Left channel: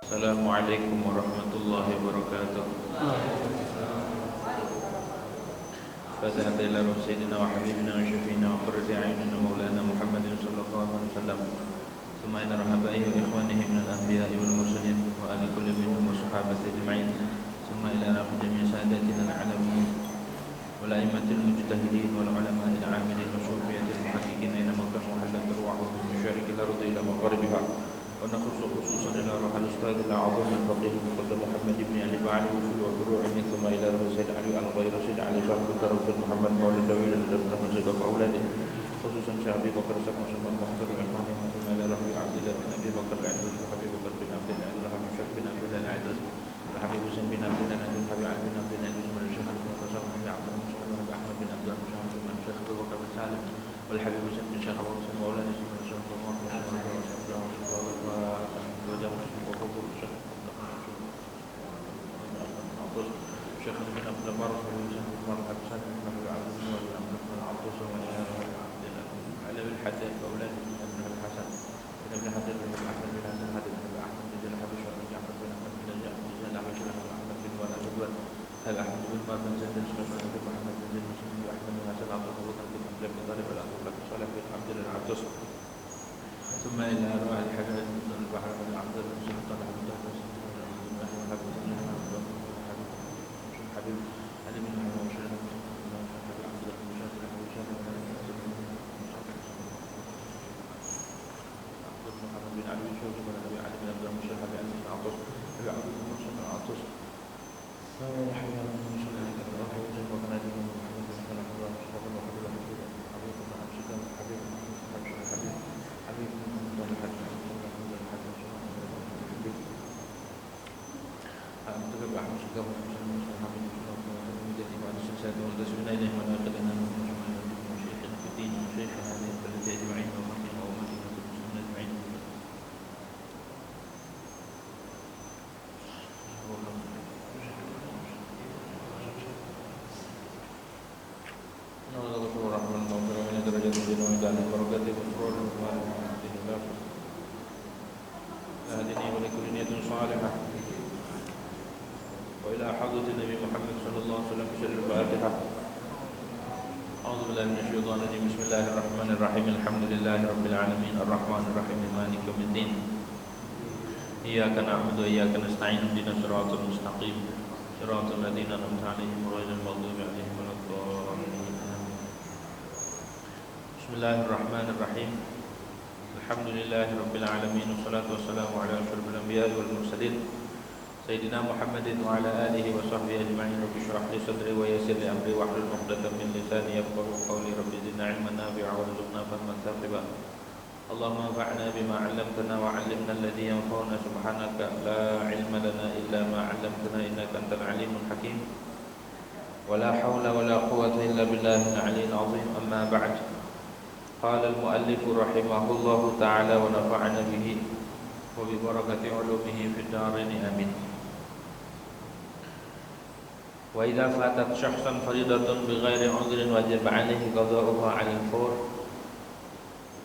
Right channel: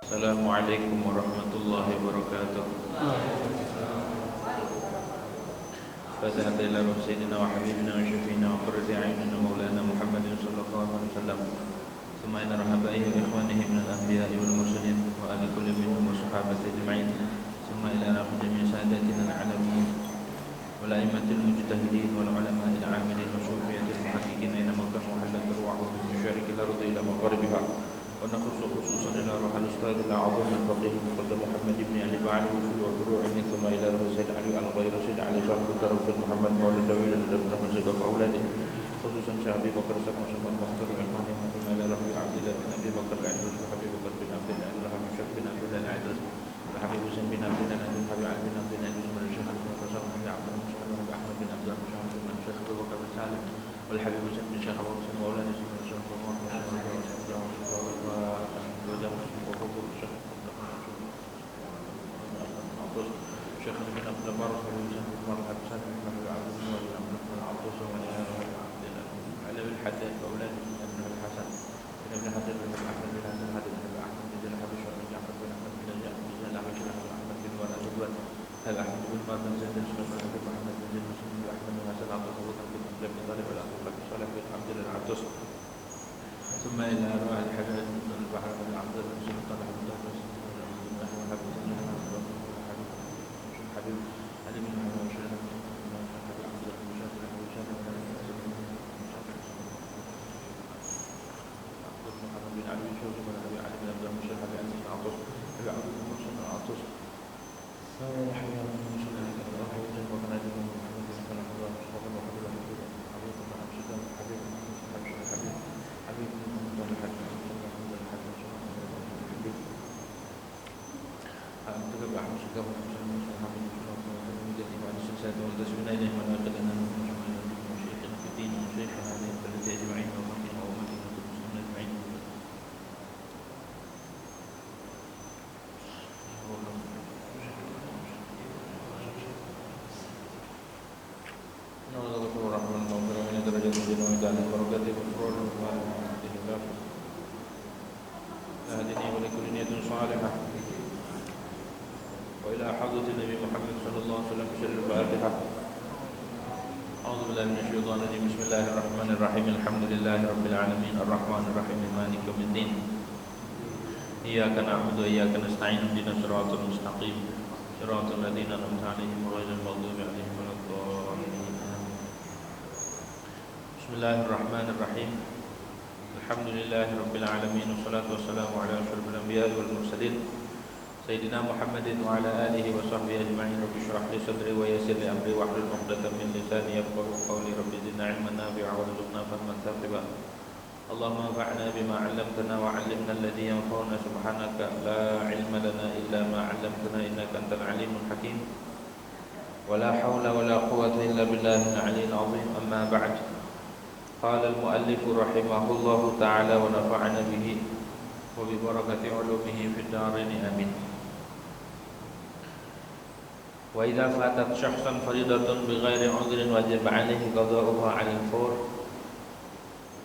Assalamualaikum warahmatullahi wabarakatuh. Fatihah ila Sayyidina wa Habibina wa Syafiina wa Qurrati A'yunina Maulana Muhammadin sallallahu alaihi wasallam. Thumma ila rahabaihi wa ikhwanihi min al-anbiya'i wal mursalin wa ali kulli minhum wa sahabati ajma'in. Thumma ila rabb jami' sadatina al-alamin wal a'immatil mujtahidin wal ulama'il 'amilin wa sufiyatil muhaqqiqin ila maqam halat ruwahu min masyariqil ardi ila magharibiha. ونخص خصوصا إلى روح الأستاذ الأعظم الفقيه المقدم محمد بن علي بعلي وفروعه ثم إلى روح سيد علي الغير سيد علي صاحب الدرس محمد مولى الدويل الدبن مسجد أولاده خصوصا شيخ أبي بكر سكن سكن مختار الإمام ثم إلى روح عبد الله بن أبي بكر العدوس وحبيب بكر بن عبد الله الرحمن الشيخ بن عبد الله العدوس وحبيب حسين بن عبد الله العدوس وحبيب علي بن عبد الله العدوس من الشيخ المنتصر وحبيب عبد المصطفى وحبيب أحمد بن عبد الله المشاهد من الشيخ أبو بكر بن سالم والحبيب حسين بن شيخ أبو حسين مولانا سيدنا الشيخ أبو Syekh bin Abdul Barak bin Muhammad Hasan bin Abdul Aziz bin Abdul Abdus wa ala bin Haddad wa aulad bin Hasan bin Ibn Haddad bin Ahmad bin Hasan Haddad bin Ahmad bin Jalal bin Ja'far bin Ahmad bin Jalal bin Ahmad bin Walid bin Hal Ahmad bin Mardan Zaid bin Sulaiman bin Muhammad bin Zaid bin Ahmad bin Hasan Abdul Bakar bin Abdul bin Talib bin Abdul Salih bin Abdul Abdus ثم إلى أرواح الحجاج بن البحر بن عبد الله بن سلطان بن طه حبيب علي بن محمد بن عبد الله بن شاكر بن شاكر بن محمد بن علي بن شوقي بن أبي علي بن عبد الله بن شاكر بن علي بن عطوس أبي عبد الله بن شاكر بن عطوس حي على المسلمين الله يجزاك وكان يجزاك محمد بن صلى الله عليه وسلم وحبيب حبيب بن أمشد حبيب حبيب حبيب بن الحج أنتم أحمد شكاوى المسلمين وحبيب الله بعد السلسلة والتسبيح إليه وناقل أن وشيخنا في الدين وشيخنا هذه البلد أجمعين وأمتنا وأمتنا المسلمين أجمعين. وإلى حضرة النبي محمد صلى الله عليه وسلم بشر الفاتحة. أعوذ بالله من الشيطان الرجيم. بسم الله الرحمن الرحيم. الحمد لله رب العالمين الرحمن الرحيم مالك يوم الدين. إياك نعبد وإياك نستعين اهدنا الصراط المستقيم صراط الذين أنعمت عليهم غير المغضوب عليهم ولا الضالين. بسم الله الرحمن الرحيم. الحمد لله رب العالمين والصلاة والسلام على أشرف الأنبياء والمرسلين سيدنا محمد وعلى آله وصحبه أجمعين. رب اشرح لي صدري ويسر لي أمري واحلل عقدة من لساني يفقهوا قولي. رب زدنا علما نافعا وارزقنا فهما ثاقبا. اللهم انفعنا بما علمتنا وعلمنا الذي ينفعنا. سبحانك لا علم لنا إلا ما علمتنا إنك أنت العليم الحكيم. ولا حول ولا قوة إلا بالله العلي العظيم. أما بعد. قال المؤلف رحمه الله تعالى ونفعنا به وببركة علومه في الدارين آمين. وإذا فاتت شخصا فريضة بغير عذر وجب عليه قضاؤها على الفور.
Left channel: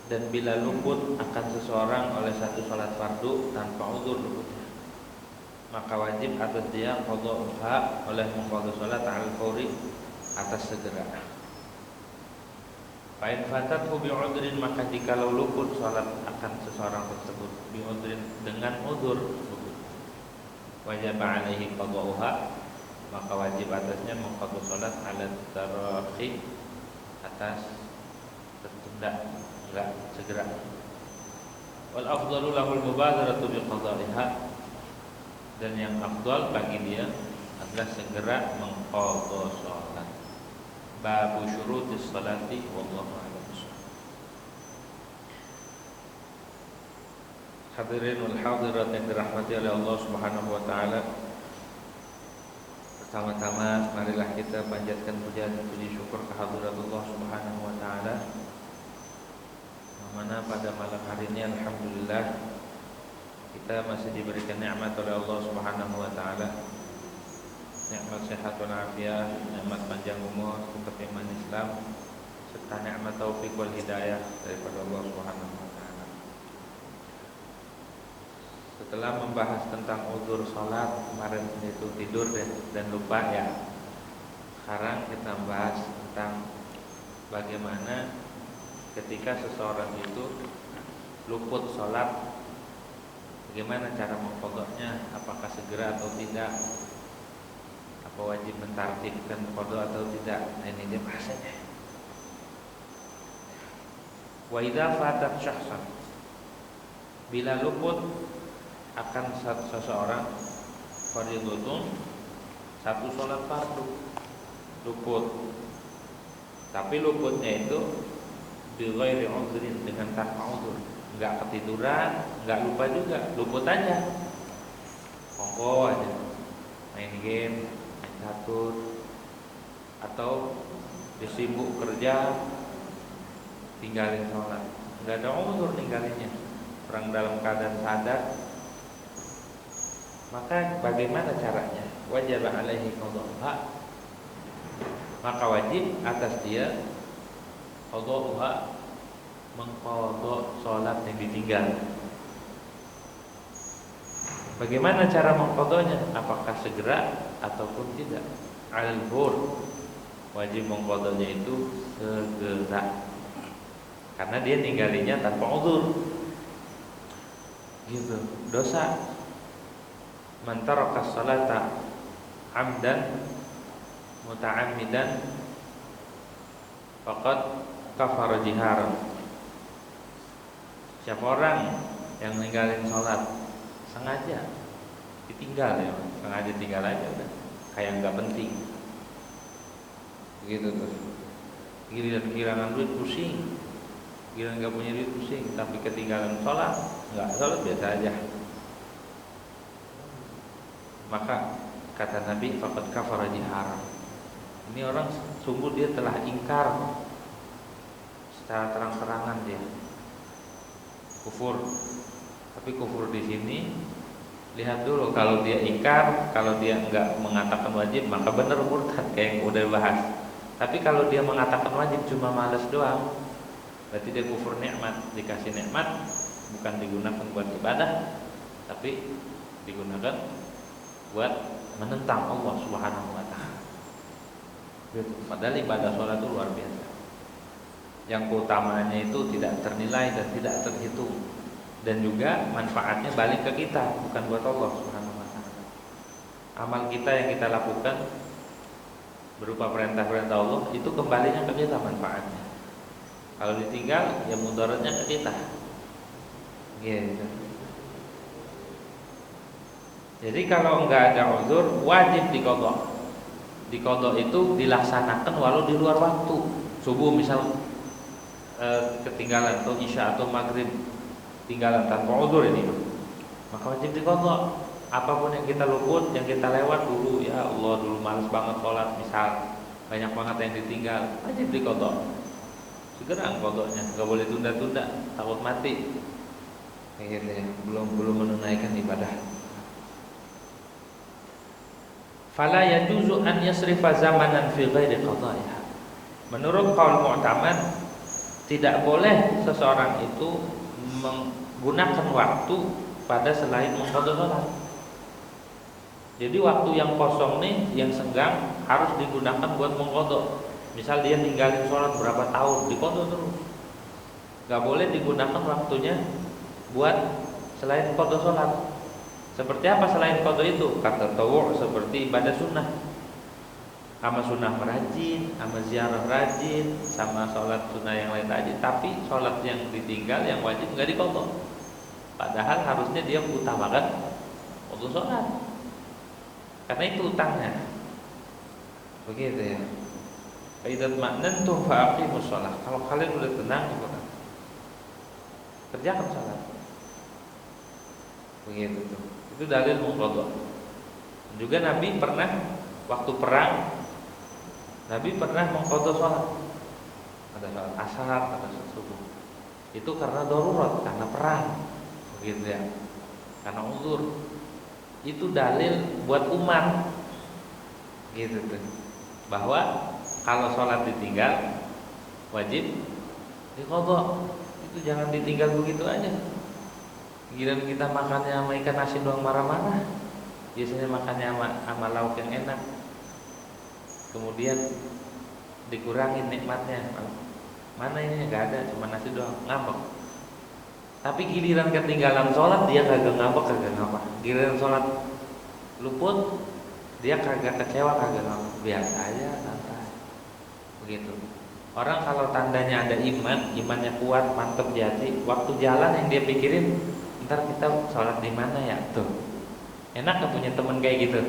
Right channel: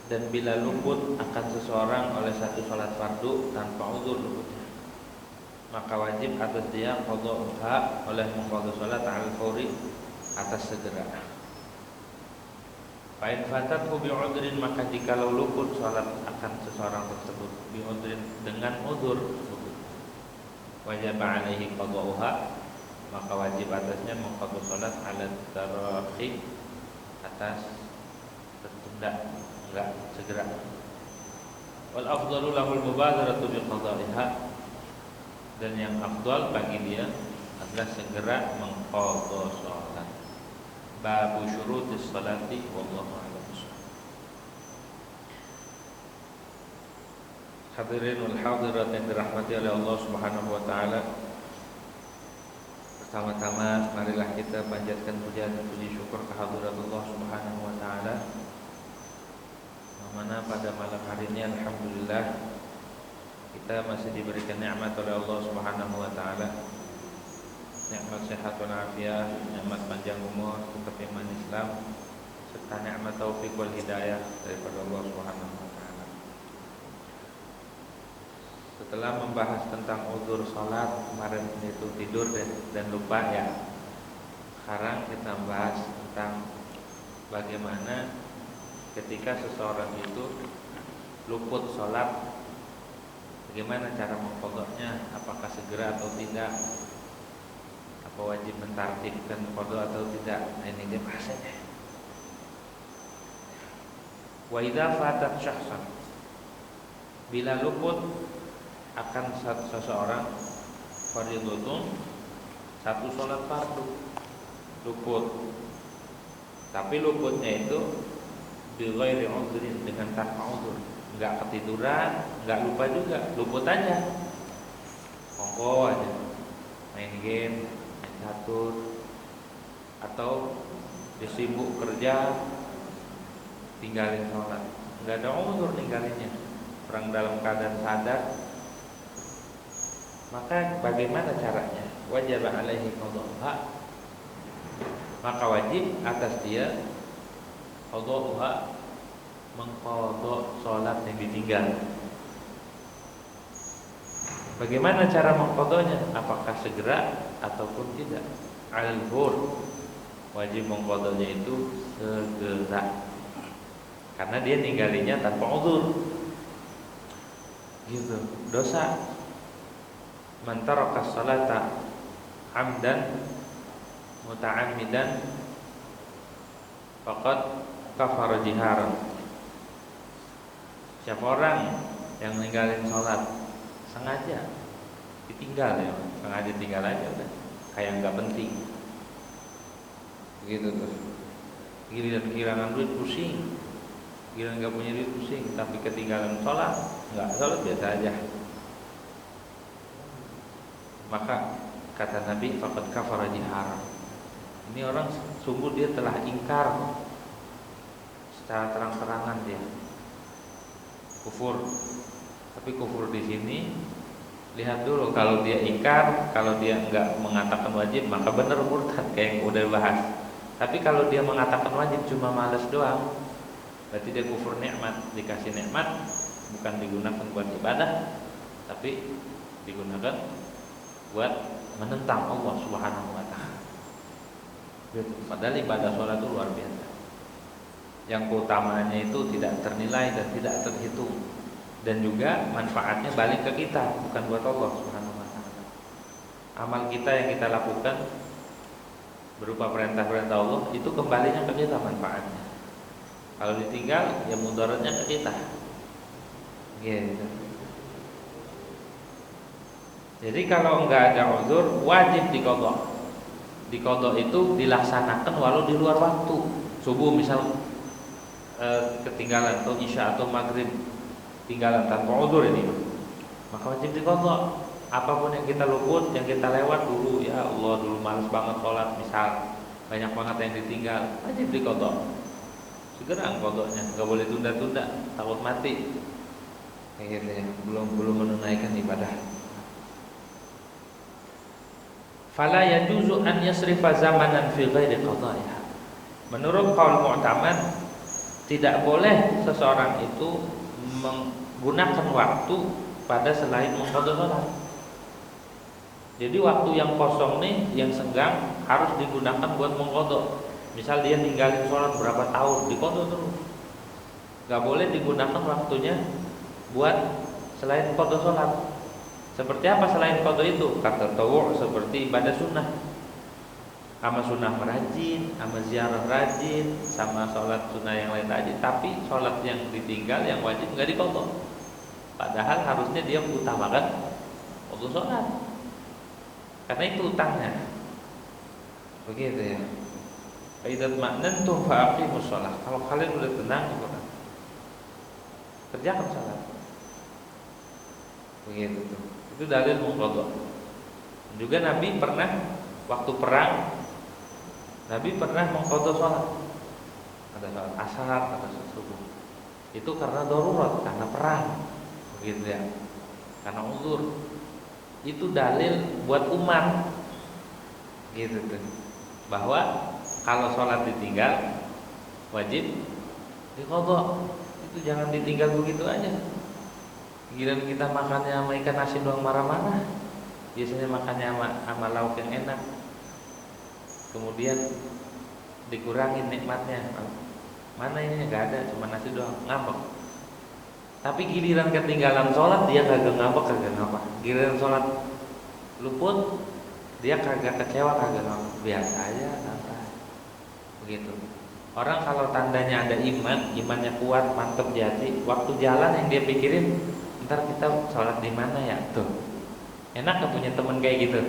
Dan bila luput akan seseorang oleh satu salat fardu tanpa uzur luputnya, maka wajib atas dia qada'uha oleh mengqadha salat al-fawri atas segera. Fa'in fatathu bi'udrin, maka jikalau luput salat akan seseorang tersebut bi'udrin dengan uzur luput, wajib alaihi qada'uha, maka wajib atasnya mengqadha salat ala tarahi atas tertunda, enggak segera. Wal afdalu lahul mubadaratu bi qada'iha, dan yang afdal bagi dia adalah segera mengqadha salat. Babu syurutis salati wallahu a'lam. Hadirin wal hadirat yang dirahmati oleh Allah Subhanahu wa taala, pertama-tama marilah kita panjatkan puja dan puji syukur kehadirat Allah Subhanahu wa taala, mana pada malam hari ini alhamdulillah kita masih diberikan nikmat oleh Allah Subhanahu wa taala, nikmat sehat wal afiat, nikmat panjang umur, tetap iman Islam, serta nikmat taufik wal hidayah daripada Allah Subhanahu wa taala. Setelah membahas tentang uzur sholat kemarin itu tidur dan lupa ya. Sekarang kita bahas tentang bagaimana ketika seseorang itu luput sholat, bagaimana cara mengqadanya, apakah segera atau tidak, apa wajib mentartibkan qada atau tidak. Nah, ini dia bahasanya. Wa idza fatat syakhsan, bila luput akan seseorang fardhun, satu sholat fardu luput, tapi luputnya itu bi ghairi udhrin, dengan tanpa udhur, enggak ketiduran, enggak lupa juga, luput aja, monggo aja main game, main catur, atau disibuk kerja tinggalin sholat, enggak ada udhur ninggalinnya, orang dalam keadaan sadar, maka bagaimana caranya? Wajib alaihi qada'uha, maka wajib atas dia qada'uha, mengqada salat yang ditinggal. Bagaimana cara mengqadanya? Apakah segera ataupun tidak? Al-hur, wajib mengqadanya itu segera, karena dia ninggalinya tanpa uzur. Gitu, dosa. Man taraka salata amdan muta'ammidan faqad kafara jiharan. Siapa orang yang ninggalin sholat sengaja, ditinggal ya, sengaja tinggal aja udah, kayak nggak penting, begitu tuh. Giliran kehilangan duit pusing, giliran nggak punya duit pusing, tapi ketinggalan sholat, nggak sholat biasa aja. Maka kata Nabi, faqad kafara jiharan. Ini orang sungguh dia telah ingkar secara terang-terangan, dia kufur. Tapi kufur di sini lihat dulu, kalau dia ingkar, kalau dia enggak mengatakan wajib, maka benar murtad kayak yang udah bahas. Tapi kalau dia mengatakan wajib cuma malas doang, berarti dia kufur nikmat. Dikasih nikmat bukan digunakan buat ibadah, tapi digunakan buat menentang Allah Subhanahu wa taala. Padahal ibadah sholat itu luar biasa, yang keutamaannya itu tidak ternilai dan tidak terhitung, dan juga manfaatnya balik ke kita, bukan buat Allah Subhanahu wa taala. Amal kita yang kita lakukan berupa perintah-perintah Allah itu kembalinya ke kita manfaatnya. Kalau ditinggal ya mudaratnya ke kita. Gitu. Jadi kalau enggak ada uzur wajib diqadha. Diqadha itu dilaksanakan walau di luar waktu. Subuh misal ketinggalan, atau isya atau maghrib tinggalan tanpa uzur ini, maka wajib diqadha. Apapun yang kita luput, yang kita lewat dulu, ya Allah dulu malas banget sholat misal, banyak banget yang ditinggal, wajib diqadha. Segera qadhanya, enggak boleh tunda-tunda, takut mati. Kayak gitu ya, belum menunaikan ibadah. Fala yajuzu an yasrifa zamanan fi ghairi qada'iha. Menurut qaul mu'tamad, tidak boleh seseorang itu menggunakan waktu pada selain mengqadha salat. Jadi waktu yang kosong nih, yang senggang harus digunakan buat mengqadha. Misal dia ninggalin sholat berapa tahun, diqadha terus. Gak boleh digunakan waktunya buat selain qadha sholat. Seperti apa selain qadha itu? Kata tawu' seperti ibadah sunnah, sama sunnah merajin, sama ziarah rajin, sama sholat sunnah yang lain rajin. Tapi sholat yang ditinggal, yang wajib nggak diqadha. Padahal harusnya dia utamakan waktu sholat, karena itu utangnya. Begitu ya. Faidat ma'nantum fa'aqimus shalah. Kalau kalian udah tenang, kerjakan sholat. Begitu tuh. Itu dalil mengqadha. Juga Nabi pernah waktu perang, Nabi pernah mengqadha sholat. Ada sholat asar, ada sholat subuh. Itu karena darurat, karena perang. Begitu ya. Karena uzur. Itu dalil buat umat. Gitu tuh. Bahwa kalau sholat ditinggal wajib diqadha. Itu jangan ditinggal begitu aja. Giliran kita makannya sama ikan asin doang marah-marah. Biasanya makannya sama lauk yang enak. Kemudian dikurangin nikmatnya. Mana ini nggak ada, cuma nasi doang, ngambek. Tapi giliran ketinggalan sholat dia kagak ngambek, kagak ngapa. Giliran sholat luput dia kagak kecewa, kagak ngambek, biasa aja, santai. Begitu. Orang kalau tandanya ada iman, imannya kuat, mantep di hati, waktu jalan yang dia pikirin, ntar kita sholat di mana ya? Tuh, enak gak punya temen kayak gitu?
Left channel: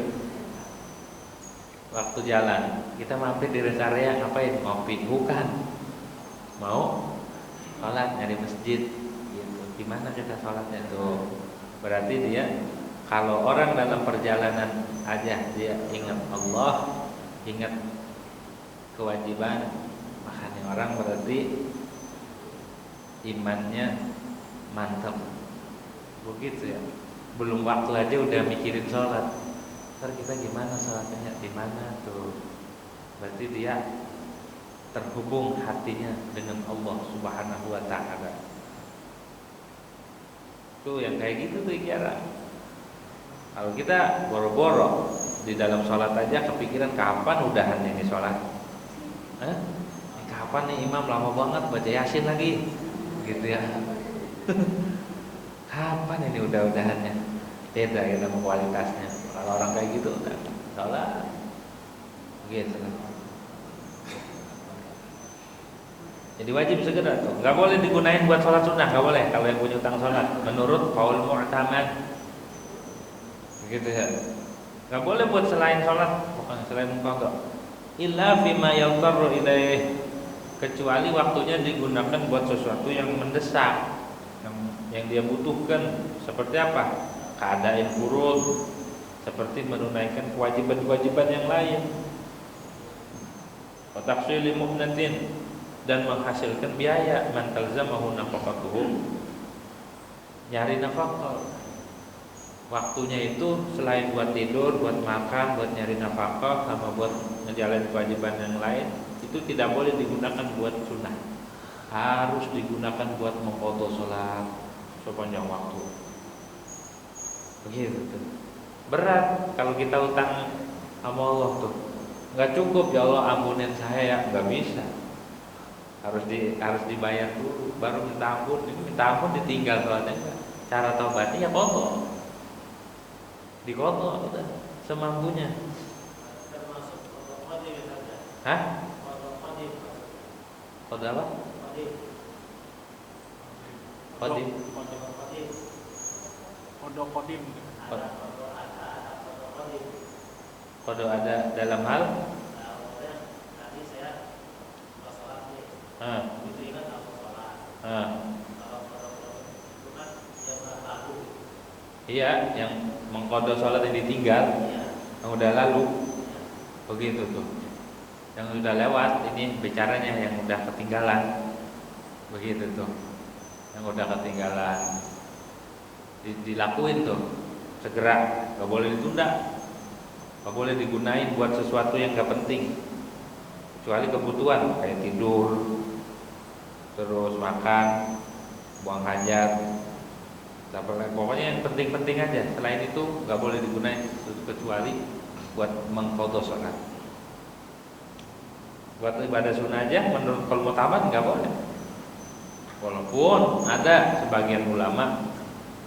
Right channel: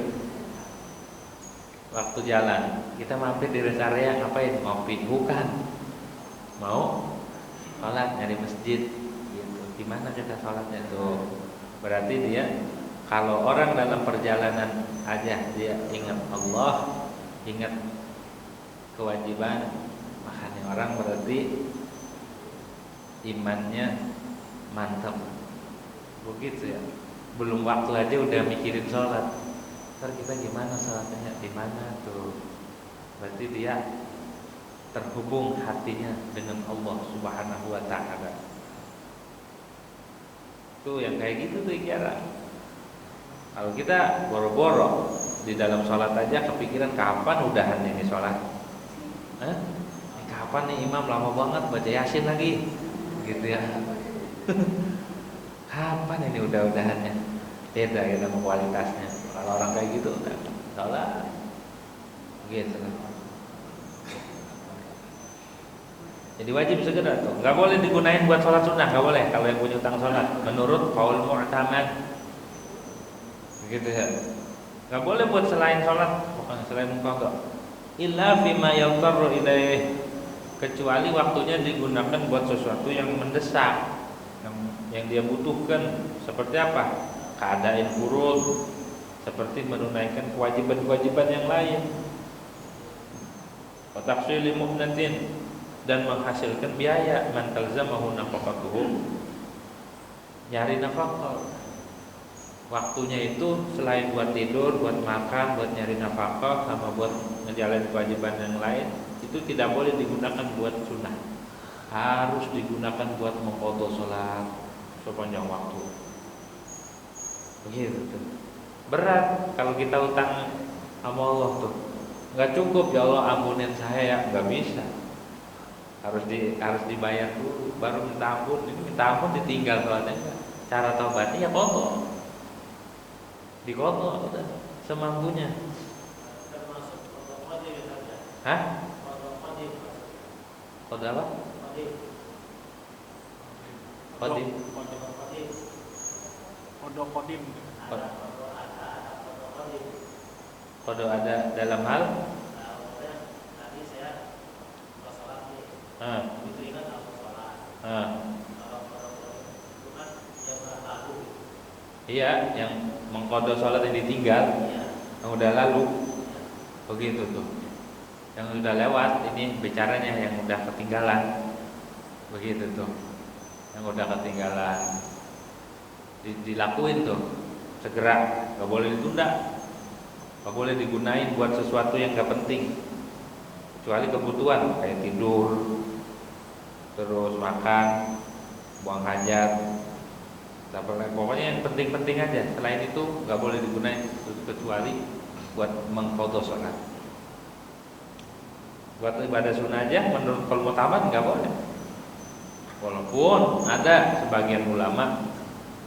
Waktu jalan, kita mampir di rest area ngapain? Ngopi, bukan? Mau sholat nyari masjid, gitu. Di mana kita sholatnya tuh? Berarti dia kalau orang dalam perjalanan aja dia ingat Allah, ingat kewajiban, makanya orang berarti imannya mantap. Begitu ya. Belum waktu aja udah mikirin sholat. Ntar kita gimana sholatnya? Di mana tuh? Berarti dia terhubung hatinya dengan Allah Subhanahu wa ta'ala. Tuh yang kayak gitu tuh kira. Kalau kita boro-boro di dalam sholat aja kepikiran kapan udahan ini sholat. Kapan nih imam lama banget baca Yasin lagi, gitu ya. Kapan ini udahannya? Beda ya sama kualitasnya. Kalau orang kayak gitu udah sholat, gitu. Jadi wajib segera tuh. Nggak boleh digunain buat sholat sunnah, nggak boleh. Kalau yang punya utang sholat, menurut qaul mu'tamad, begitu ya. Nggak boleh buat selain sholat, bukan selain qada. Illa fima yadtarru ilaih, kecuali waktunya digunakan buat sesuatu yang mendesak, yang dia butuhkan. Seperti apa? Keadaan furud, seperti menunaikan kewajiban-kewajiban yang lain. Wa tahsili mu'natin, dan menghasilkan biaya, man talzamahu nafaqatuhu, nyari nafkah. Waktunya itu selain buat tidur, buat makan, buat nyari nafkah, sama buat ngejalanin kewajiban yang lain, itu tidak boleh digunakan buat sunnah. Harus digunakan buat mengqadha salat sepanjang waktu. Begitu tuh. Berat kalau kita utang sama Allah tuh. Enggak cukup, ya Allah ampunin saya ya, enggak bisa. Harus dibayar dulu baru minta ampun. Ini minta ampun ditinggal soalnya. Cara taubatnya ya qadha. Diqadha udah semampunya. Hah? Qadha apa? Qadim. Qadha ada dalam hal iya, yang mengqadha salat yang ditinggal, yang udah lalu, begitu tuh. Yang udah lewat, ini bicaranya yang udah ketinggalan, begitu tuh. Yang udah ketinggalan, dilakuin tuh, segera, nggak boleh ditunda, nggak boleh digunain buat sesuatu yang nggak penting, kecuali kebutuhan kayak tidur, terus makan, buang hajat. Pokoknya yang penting-penting aja. Selain itu nggak boleh digunakan kecuali buat mengqadha salat. Buat ibadah sunnah aja menurut qaul mu'tamad nggak boleh. Walaupun ada sebagian ulama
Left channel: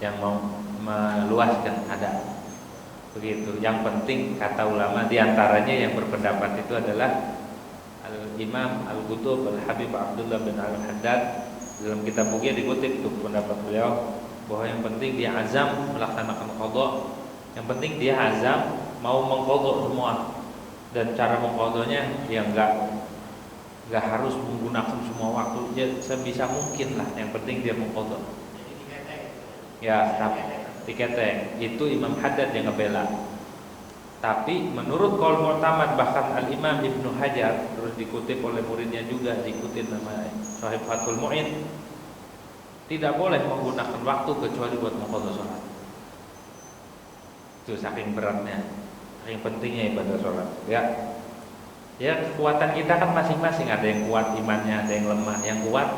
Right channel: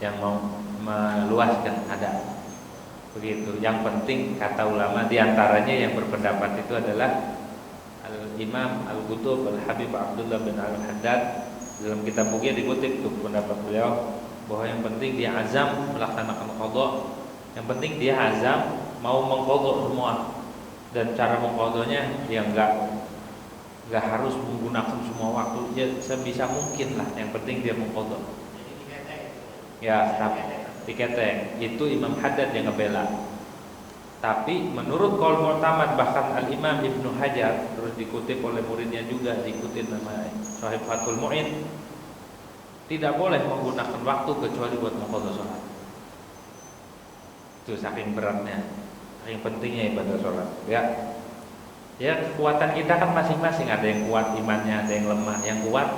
yang mau meluaskan, ada begitu. Yang penting kata ulama diantaranya yang berpendapat itu adalah Al-Imam Al-Qutub Al-Habib Abdullah bin Al-Haddad. Dalam kitab bukunya dikutip tuh pendapat beliau, bahwa yang penting dia azam melaksanakan qadha. Yang penting dia azam mau mengqadha semua, dan cara mengqadhanya dia enggak harus menggunakan semua waktu, ya sebisa mungkin lah. Yang penting dia mengqadha. Ya, tiketek itu Imam Haddad yang ngebela. Tapi menurut qaul mu'tamad, bahkan Al-Imam Ibnu Hajar, terus dikutip oleh muridnya juga, dikutip nama Sahib Fathul Mu'in, tidak boleh menggunakan waktu kecuali buat mengqadha salat. Itu saking beratnya, saking pentingnya ibadah salat. Ya kekuatan kita kan masing-masing, ada yang kuat imannya, ada yang lemah. Yang kuat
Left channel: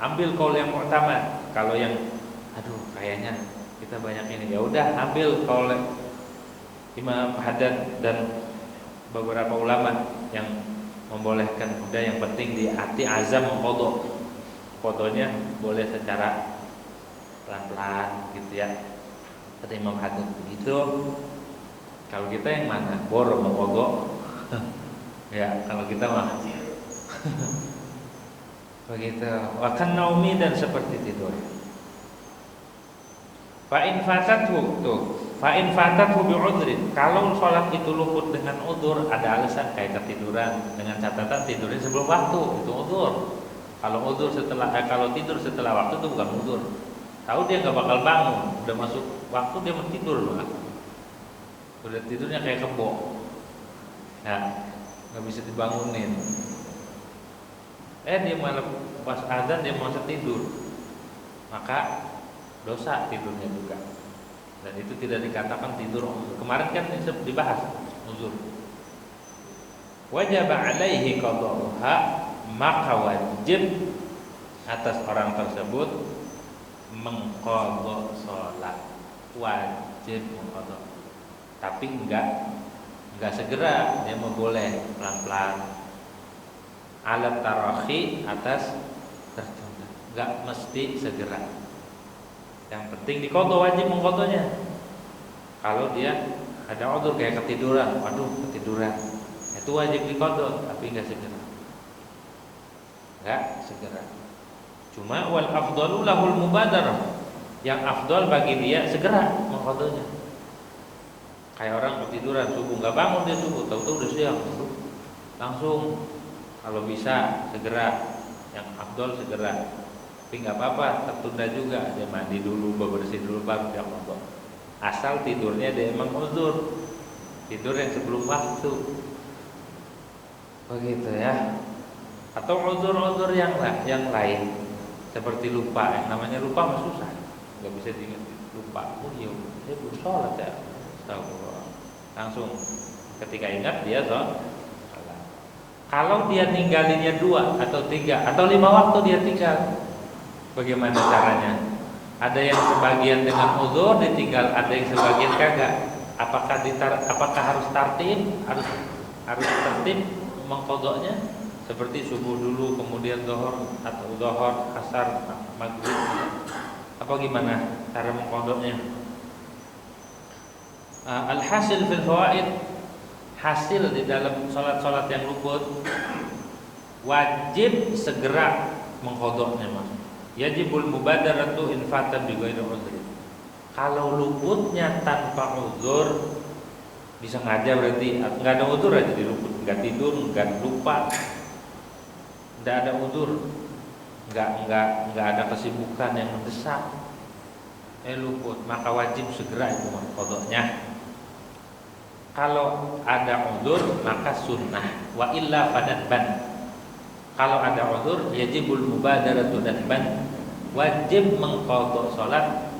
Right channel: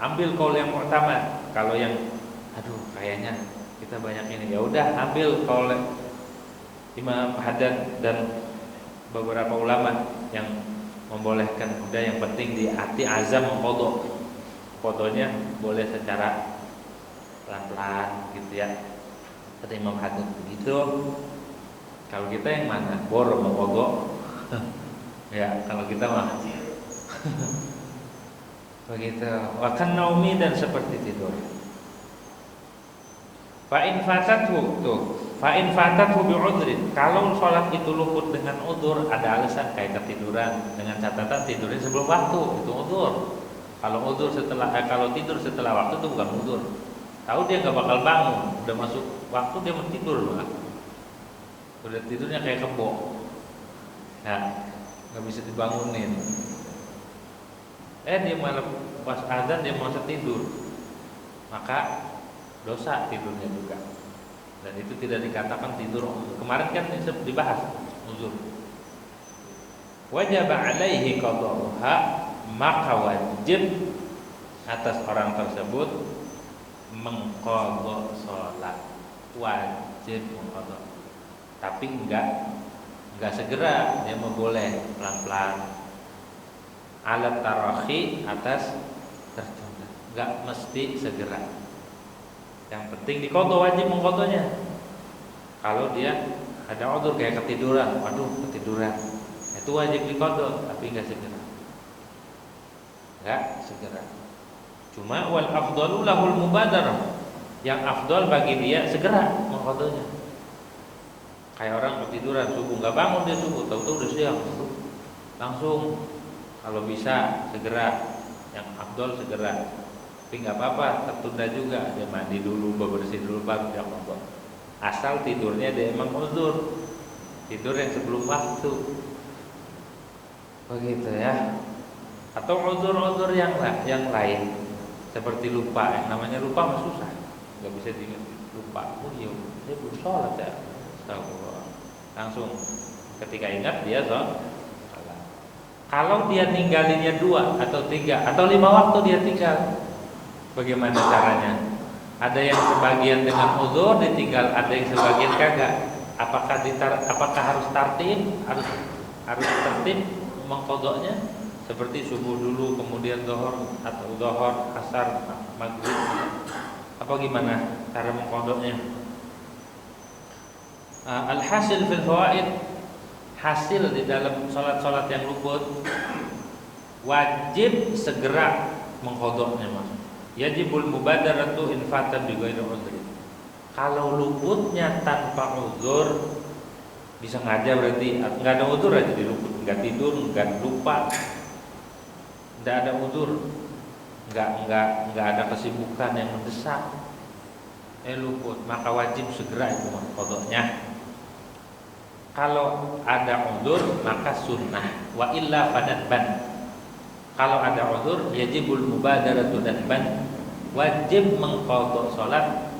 ambil qaul yang mu'tamad. Kalau yang aduh kayaknya kita banyak ini, ya udah ambil oleh Imam Haddad dan beberapa ulama yang membolehkan. Udah yang penting di hati azam mengkodok, kodoknya boleh secara pelan-pelan gitu ya, kata Imam Haddad begitu. Kalau kita yang mana boro mengkodok ya, kalau kita mah begitu. Wakan naumi, dan seperti tidur. Fa'in fatathu tuh, fa'in fatathu bi'udrin. Kalau sholat itu luput dengan udzur, ada alasan kayak ketiduran, dengan catatan tidurnya sebelum waktu, itu udzur. Kalau udzur setelah kalau tidur setelah waktu itu bukan udzur. Tahu dia nggak bakal bangun, udah masuk waktu dia mau tidur malah. Udah tidurnya kayak kebo, ya nggak bisa dibangunin. Dia malah pas azan dia masih tidur, maka dosa tidurnya juga. Dan itu tidak dikatakan tidur uzur. Kemarin kan dibahas uzur. Wajib alaihi qada'uha, maka wajib atas orang tersebut mengqadha salat. Wajib mengqadha. Tapi enggak segera, dia mau boleh pelan-pelan. Alat tarakhi, atas tertunda, enggak mesti segera. Yang penting diqadha, wajib mengqadhanya. Kalau dia ada udzur kayak ketiduran, waduh ketiduran, itu wajib diqadha, tapi enggak segera. Enggak segera. Cuma wal afdalu lahul mubadarah. Yang afdal bagi dia segera mengqadhanya. Kayak orang ketiduran subuh enggak bangun dia subuh, tahu-tahu udah siang, langsung. Kalau bisa segera, yang afdal segera. Tapi nggak apa-apa, tertunda juga. Dia mandi dulu, bebersih dulu, baru dia qadha. Asal tidurnya dia emang uzur, tidur yang sebelum waktu, begitu ya. Atau uzur-uzur yang lain, seperti lupa. Yang namanya lupa mah susah, nggak bisa diingat. Lupa, oh iya, dia belum sholat ya. Langsung ketika ingat dia sholat. Kalau dia ninggalinnya 2 atau 3 atau 5 waktu dia tinggal, bagaimana caranya? Ada yang sebagian dengan uzur ditinggal, ada yang sebagian kagak. Apakah harus tartib, harus tertib mengqadhanya? Seperti subuh dulu, kemudian zuhur atau zuhur, asar, maghrib. Apa gimana cara mengqadhanya? Al-hasil fil fawaid, hasil di dalam sholat-sholat yang luput, wajib segera mengqadhanya mas. Yajibul mubadaratu in fata bi ghairi udhri. Kalau luputnya tanpa uzur, bisa ngaja berarti enggak ada uzur aja diluput, enggak tidur, enggak lupa, enggak ada uzur, enggak ada kesibukan yang mendesak, luput, maka wajib segera itu mengqadhanya. Kalau ada uzur maka sunnah, wa illa fadban. Kalau ada uzur yajibul mubadaratu nadban, wajib mengqadha salat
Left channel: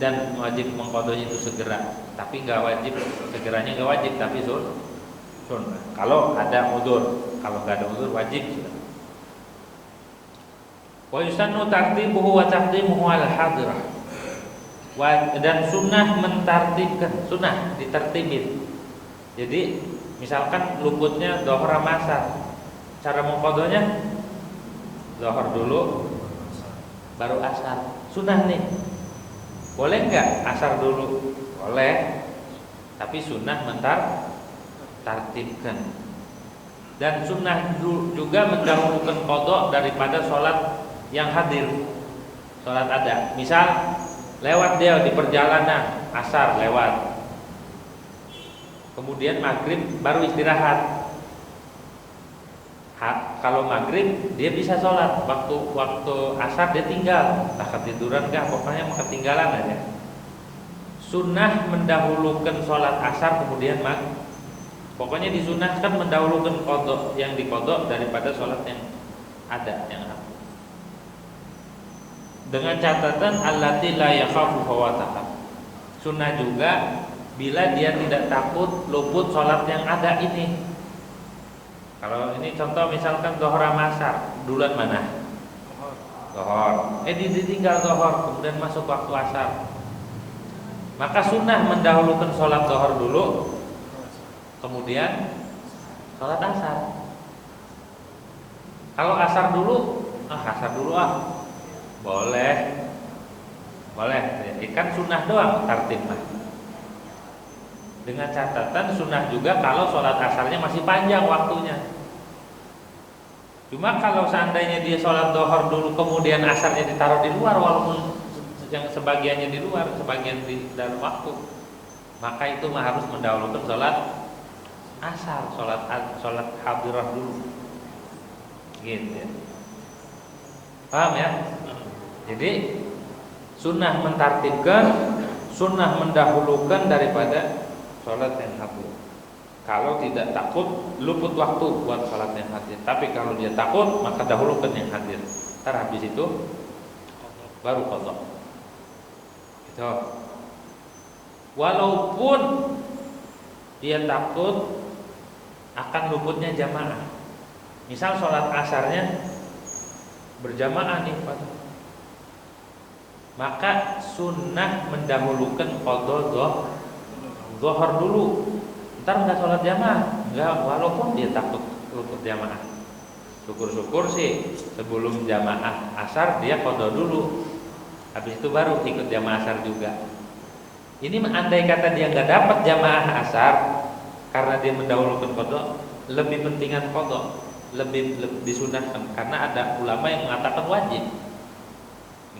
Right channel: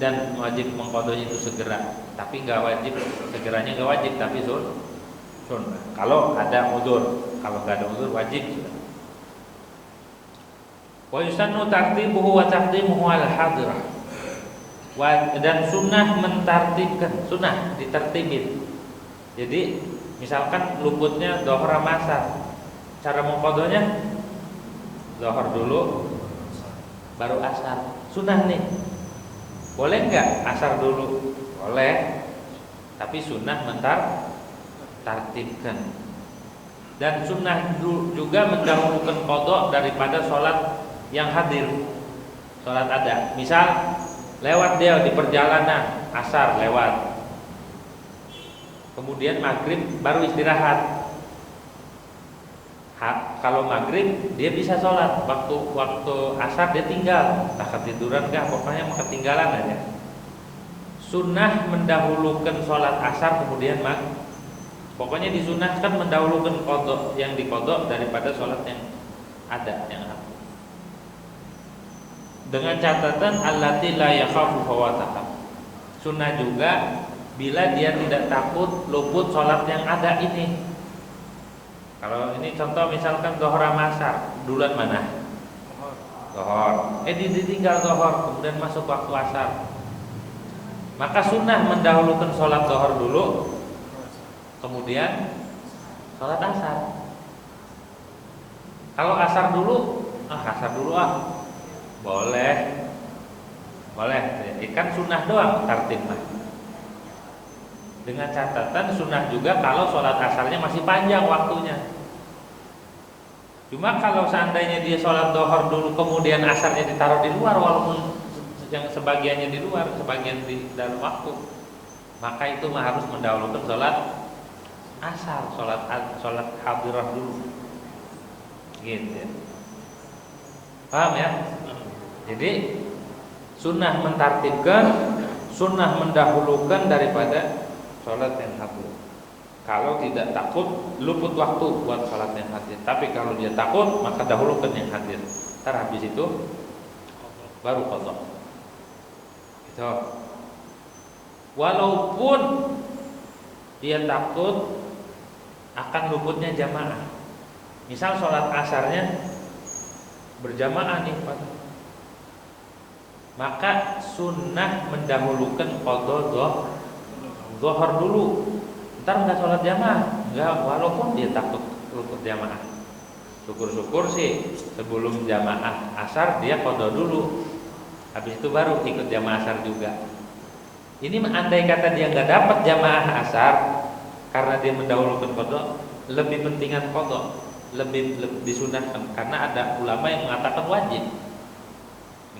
dan wajib mengqadhanya itu segera. Tapi enggak wajib, segeranya enggak wajib, tapi sunnah. Kalau ada uzur, kalau enggak ada uzur wajib. Wa yusannu tartibuhu wa taqdimuhu al hadirah. Dan sunnah mentartibkan, sunnah ditertibin. Jadi misalkan luputnya zuhur sama asar, cara mengqadhanya zuhur dulu baru asar. Sunnah nih. Boleh enggak asar dulu? Boleh. Tapi sunnah mentartibkan. Dan sunnah juga mendahulukan qadha daripada sholat yang hadir. Sholat ada. Misal lewat dia di perjalanan, asar lewat, kemudian maghrib baru istirahat. Kalau maghrib dia bisa sholat, waktu asar dia tinggal, entah ketiduran kah, pokoknya ketinggalan aja. Sunnah mendahulukan sholat asar kemudian maghrib. Pokoknya disunahkan mendahulukan qadha yang diqadha daripada sholat yang ada, yang ada. Dengan catatan allati la yakhafu fawataha. Sunnah juga bila dia tidak takut luput sholat yang ada ini. Kalau ini contoh misalkan zuhur sama asar, duluan mana? zuhur. Ditinggal zuhur, kemudian masuk waktu asar. Maka sunnah mendahulukan sholat zuhur dulu, kemudian sholat asar. Kalau asar dulu, boleh. Kan sunnah doang tartibnya. Dengan catatan sunnah juga kalau sholat asarnya masih panjang waktunya. Cuma kalau seandainya dia sholat zuhur dulu kemudian asarnya ditaruh di luar, walaupun yang sebagiannya di luar, sebagian di dalam waktu, maka itu harus mendahulukan sholat asar, sholat hadirah dulu, gitu ya. Paham ya? Jadi sunnah mentartibkan, sunnah mendahulukan daripada sholat yang hadir. Kalau tidak takut luput waktu buat sholat yang hadir. Tapi kalau dia takut maka dahulukan yang hadir. Ntar habis itu baru qadha. Gitu. Walaupun dia takut akan luputnya jamaah. Misal sholat asarnya berjamaah nih, maka sunnah mendahulukan qadha zuhur dulu. Ntar nggak sholat jamaah, nggak, walaupun dia takut luput jamaah. Syukur-syukur sih sebelum jamaah asar dia qadha dulu, habis itu baru ikut jamaah asar juga. Ini andai kata dia nggak dapat jamaah asar karena dia mendahulukan qadha, lebih pentingan qadha, lebih disunahkan, karena ada ulama yang mengatakan wajib.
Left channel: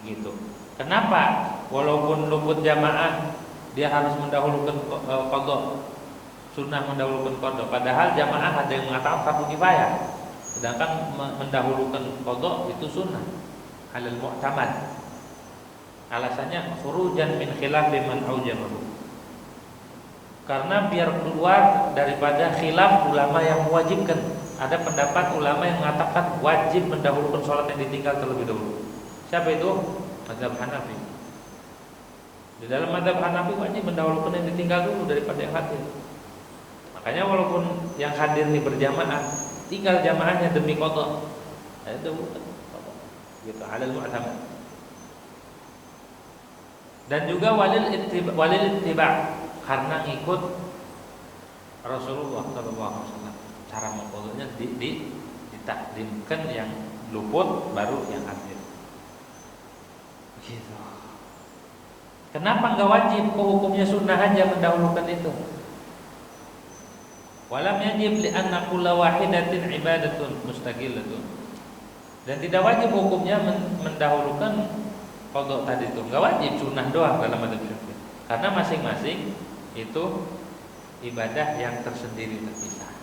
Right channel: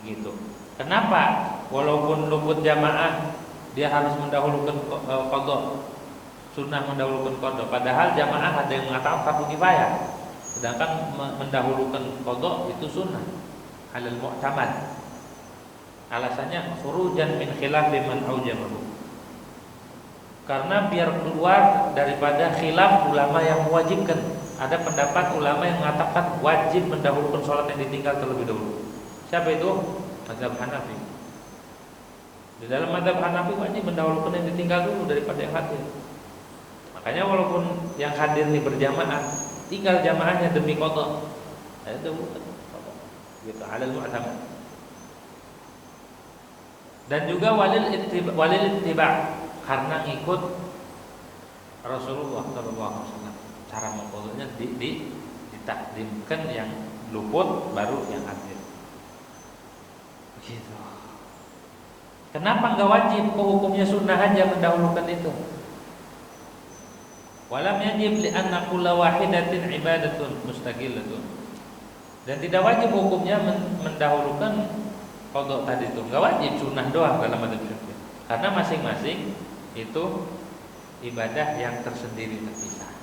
Begitu. Kenapa? Walaupun luput jamaah dia harus mendahulukan qadha, sunnah mendahulukan qadha. Padahal jamaah ada yang mengatakan fardu kifayah, sedangkan mendahulukan qadha itu sunnah alal mu'tamad. Alasannya khurujan min khilafi man aujamahu, karena biar keluar daripada khilaf ulama yang mewajibkan. Ada pendapat ulama yang mengatakan wajib mendahulukan sholat yang ditinggal terlebih dahulu. Siapa itu? Mazhab Hanafi. Di dalam mazhab Hanafi wajib mendahulukan yang ditinggal dulu daripada yang hadir. Makanya walaupun yang hadir ini berjamaah, tinggal jamaahnya demi qadha, itu bukan qadha. Gitu, alal mu'tamad. Dan juga walil ittiba, karena ngikut Rasulullah SAW. Cara mengqadhanya ditakdimkan yang luput baru yang hadir. Begitu. Kenapa enggak wajib? Hukumnya sunnah aja mendahulukan itu. Walam yajib li'anna kulla wahidatin ibadatun mustaqillatun. Dan tidak wajib hukumnya mendahulukan qadha tadi itu. Enggak wajib, sunnah doang dalam madzhab Syafi'i. Karena masing-masing itu ibadah yang tersendiri terpisah.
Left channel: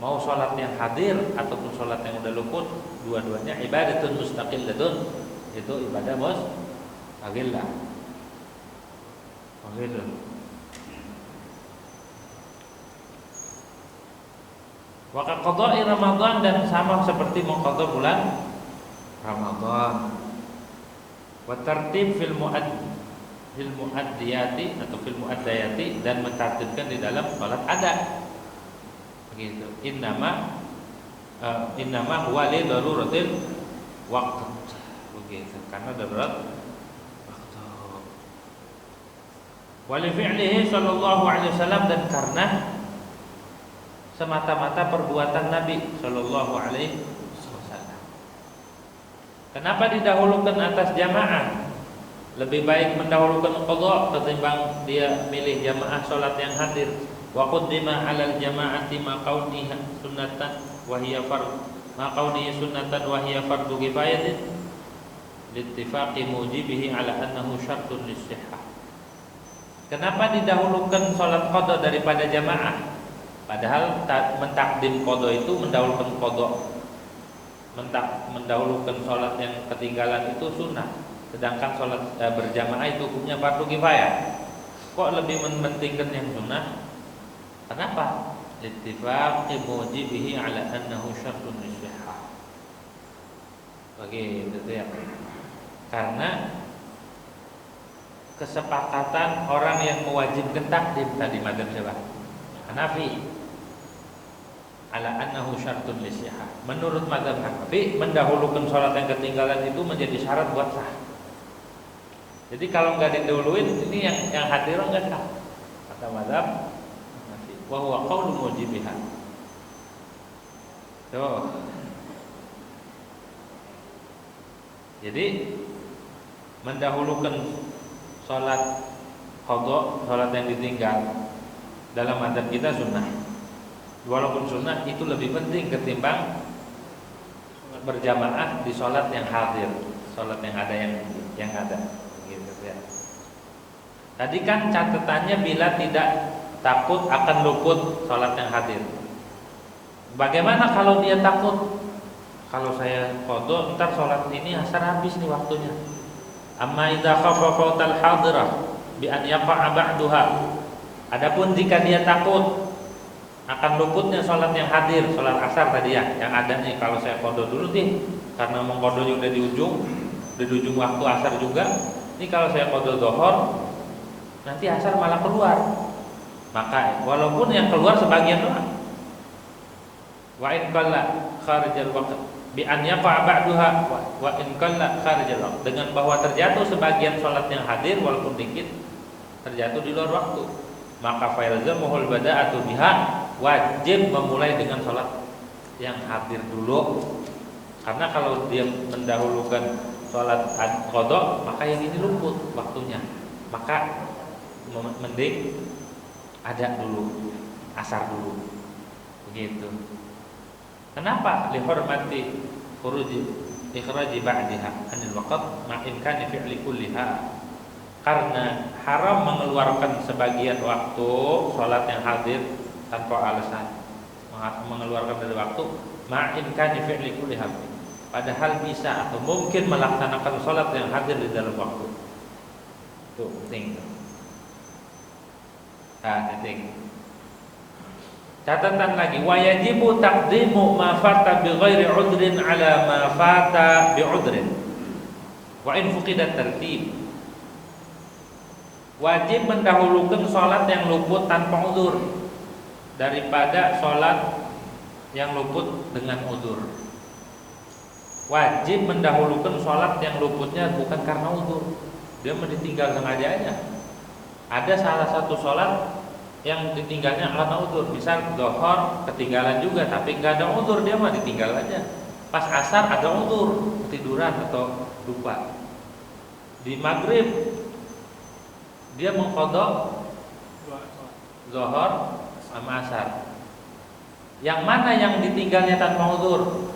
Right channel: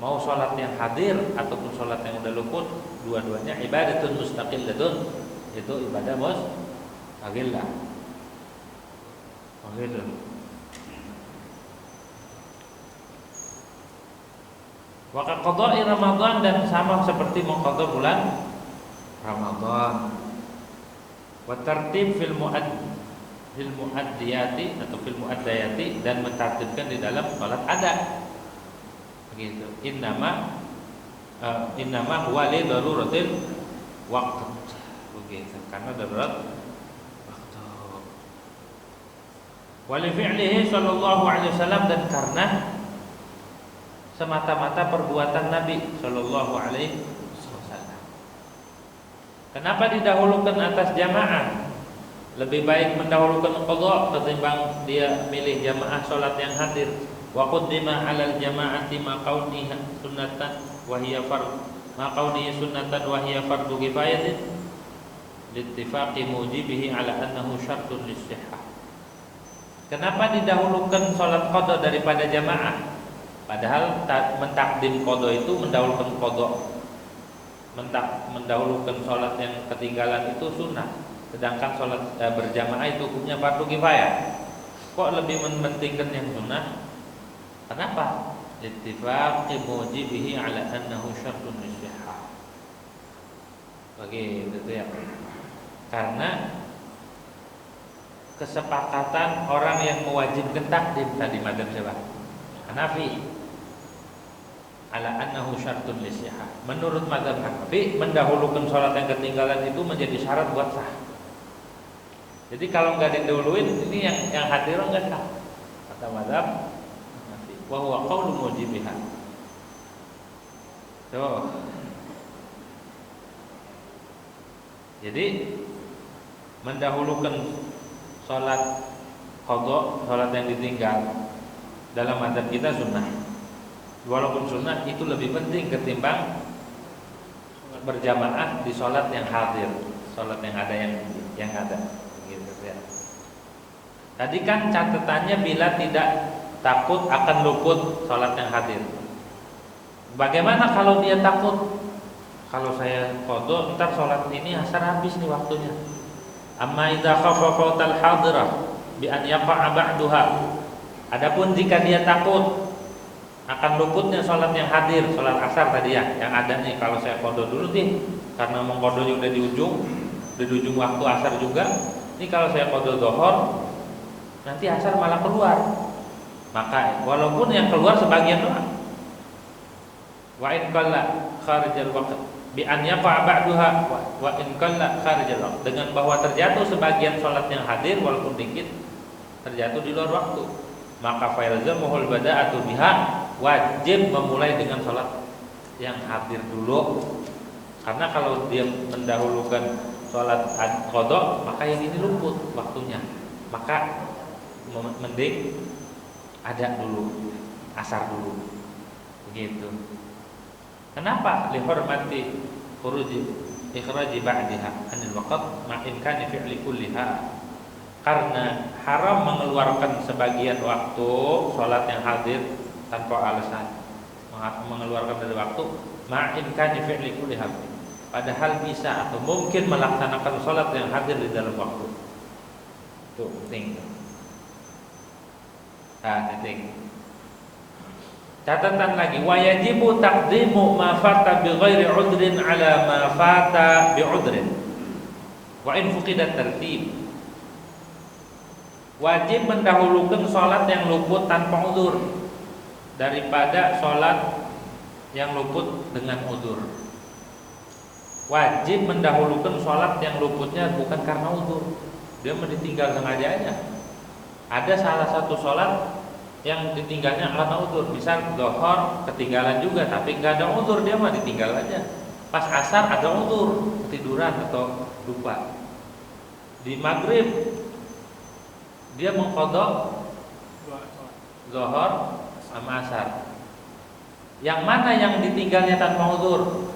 Mau sholat yang hadir ataupun sholat yang udah luput, dua-duanya ibadatun mustaqillatun. Itu ibadah mustaqillah. Begitu. Wa qadha'i Ramadan, dan sama seperti mengqadha bulan Ramadan. Wa tartib fil muaddiyati atau fil muaddayati, dan mentartibkan di dalam salat ada. Begitu. Innama huwa li daruratil waqt. Begitu. Karena darurat waktu. Wa li fi'lihi sallallahu alaihi wasallam, dan karena semata-mata perbuatan Nabi sallallahu alaihi wasallam. Kenapa didahulukan atas jamaah? Lebih baik mendahulukan qadha ketimbang dia milih jamaah salat yang hadir. Wa qaddima 'alal jama'ati ma kauniha sunnatan wa hiya fardhu kifayatin liittifaqi mujibihi 'ala annahu syartun lis-sihhah. Kenapa didahulukan salat qadha daripada jamaah? Padahal mentakdim qadha itu mendahulukan qadha. Mendahulukan salat yang ketinggalan itu sunnah, sedangkan salat berjamaah itu hukumnya fardu kifayah. Kok lebih mementingkan yang sunnah? Kenapa? Ittifaqi mujibihi 'ala annahu syartun lis-sihhah. Begitu ya. Karena kesepakatan orang yang mewajibkan takdim tadi madzhab siapa? Hanafi. ala annahu syartun lisihah. Menurut mazhab Hanafi, mendahulukan sholat yang ketinggalan itu menjadi syarat buat sah. Jadi kalau nggak didahuluin, ini yang hadir nggak sah. Kata mazhab Hanafi, wa huwa qaulu mujibiha. Tuh. Jadi mendahulukan sholat qadha, sholat yang ditinggal dalam mazhab kita sunnah. Walaupun sunnah itu lebih penting ketimbang berjamaah di sholat yang hadir, sholat yang ada yang ada. Gitu ya. Tadi kan catatannya bila tidak takut akan luput sholat yang hadir. Bagaimana kalau dia takut? Kalau saya qadha, ntar sholat ini asar habis nih waktunya. Amma idza khafa fautal hadirah bi an yaqa'a ba'daha. Adapun jika dia takut akan luputnya sholat yang hadir, sholat asar tadi ya, yang ada nih, kalau saya qadha dulu nih, karena mengqadhanya udah di ujung waktu asar juga. Ini kalau saya qadha zuhur, nanti asar malah keluar. Maka walaupun yang keluar sebagian doang. Wa in qalla kharijal waqt bi an yaqa ba'daha wa in qalla kharijal waqt, dengan bahwa terjatuh sebagian sholat yang hadir walaupun dikit terjatuh di luar waktu, maka failzamuhul bada'atu biha, wajib memulai dengan sholat yang hadir dulu. Karena kalau dia mendahulukan sholat qadha, maka yang ini luput waktunya, maka mending ada dulu, asar dulu, begitu. Kenapa? Lihormati khuruji ikhraji ba'daha anil waqt ma imkani fi'li kulliha. Karena haram mengeluarkan sebagian waktu sholat yang hadir tanpa alasan, mengeluarkan dari waktu ma imkani fi'li kulliha, padahal bisa atau mungkin melaksanakan sholat yang hadir di dalam waktu. Itu penting. Penting. Catatan lagi, wajibu taqdimu ma fata bi ghairi udrin ala ma fata bi udrin wa in fuqidat tartib. Wajib mendahulukan sholat yang luput tanpa udzur daripada sholat yang luput dengan udzur. Wajib mendahulukan sholat yang luputnya bukan karena udzur, dia ditinggal sengajanya. Ada salah satu sholat yang ditinggalnya karena udzur, misal zuhur ketinggalan juga tapi nggak ada udzur, dia mah ditinggal aja. Pas asar ada udzur, ketiduran atau lupa. Di maghrib dia mengqadha zuhur sama asar. Yang mana yang ditinggalnya tanpa udzur?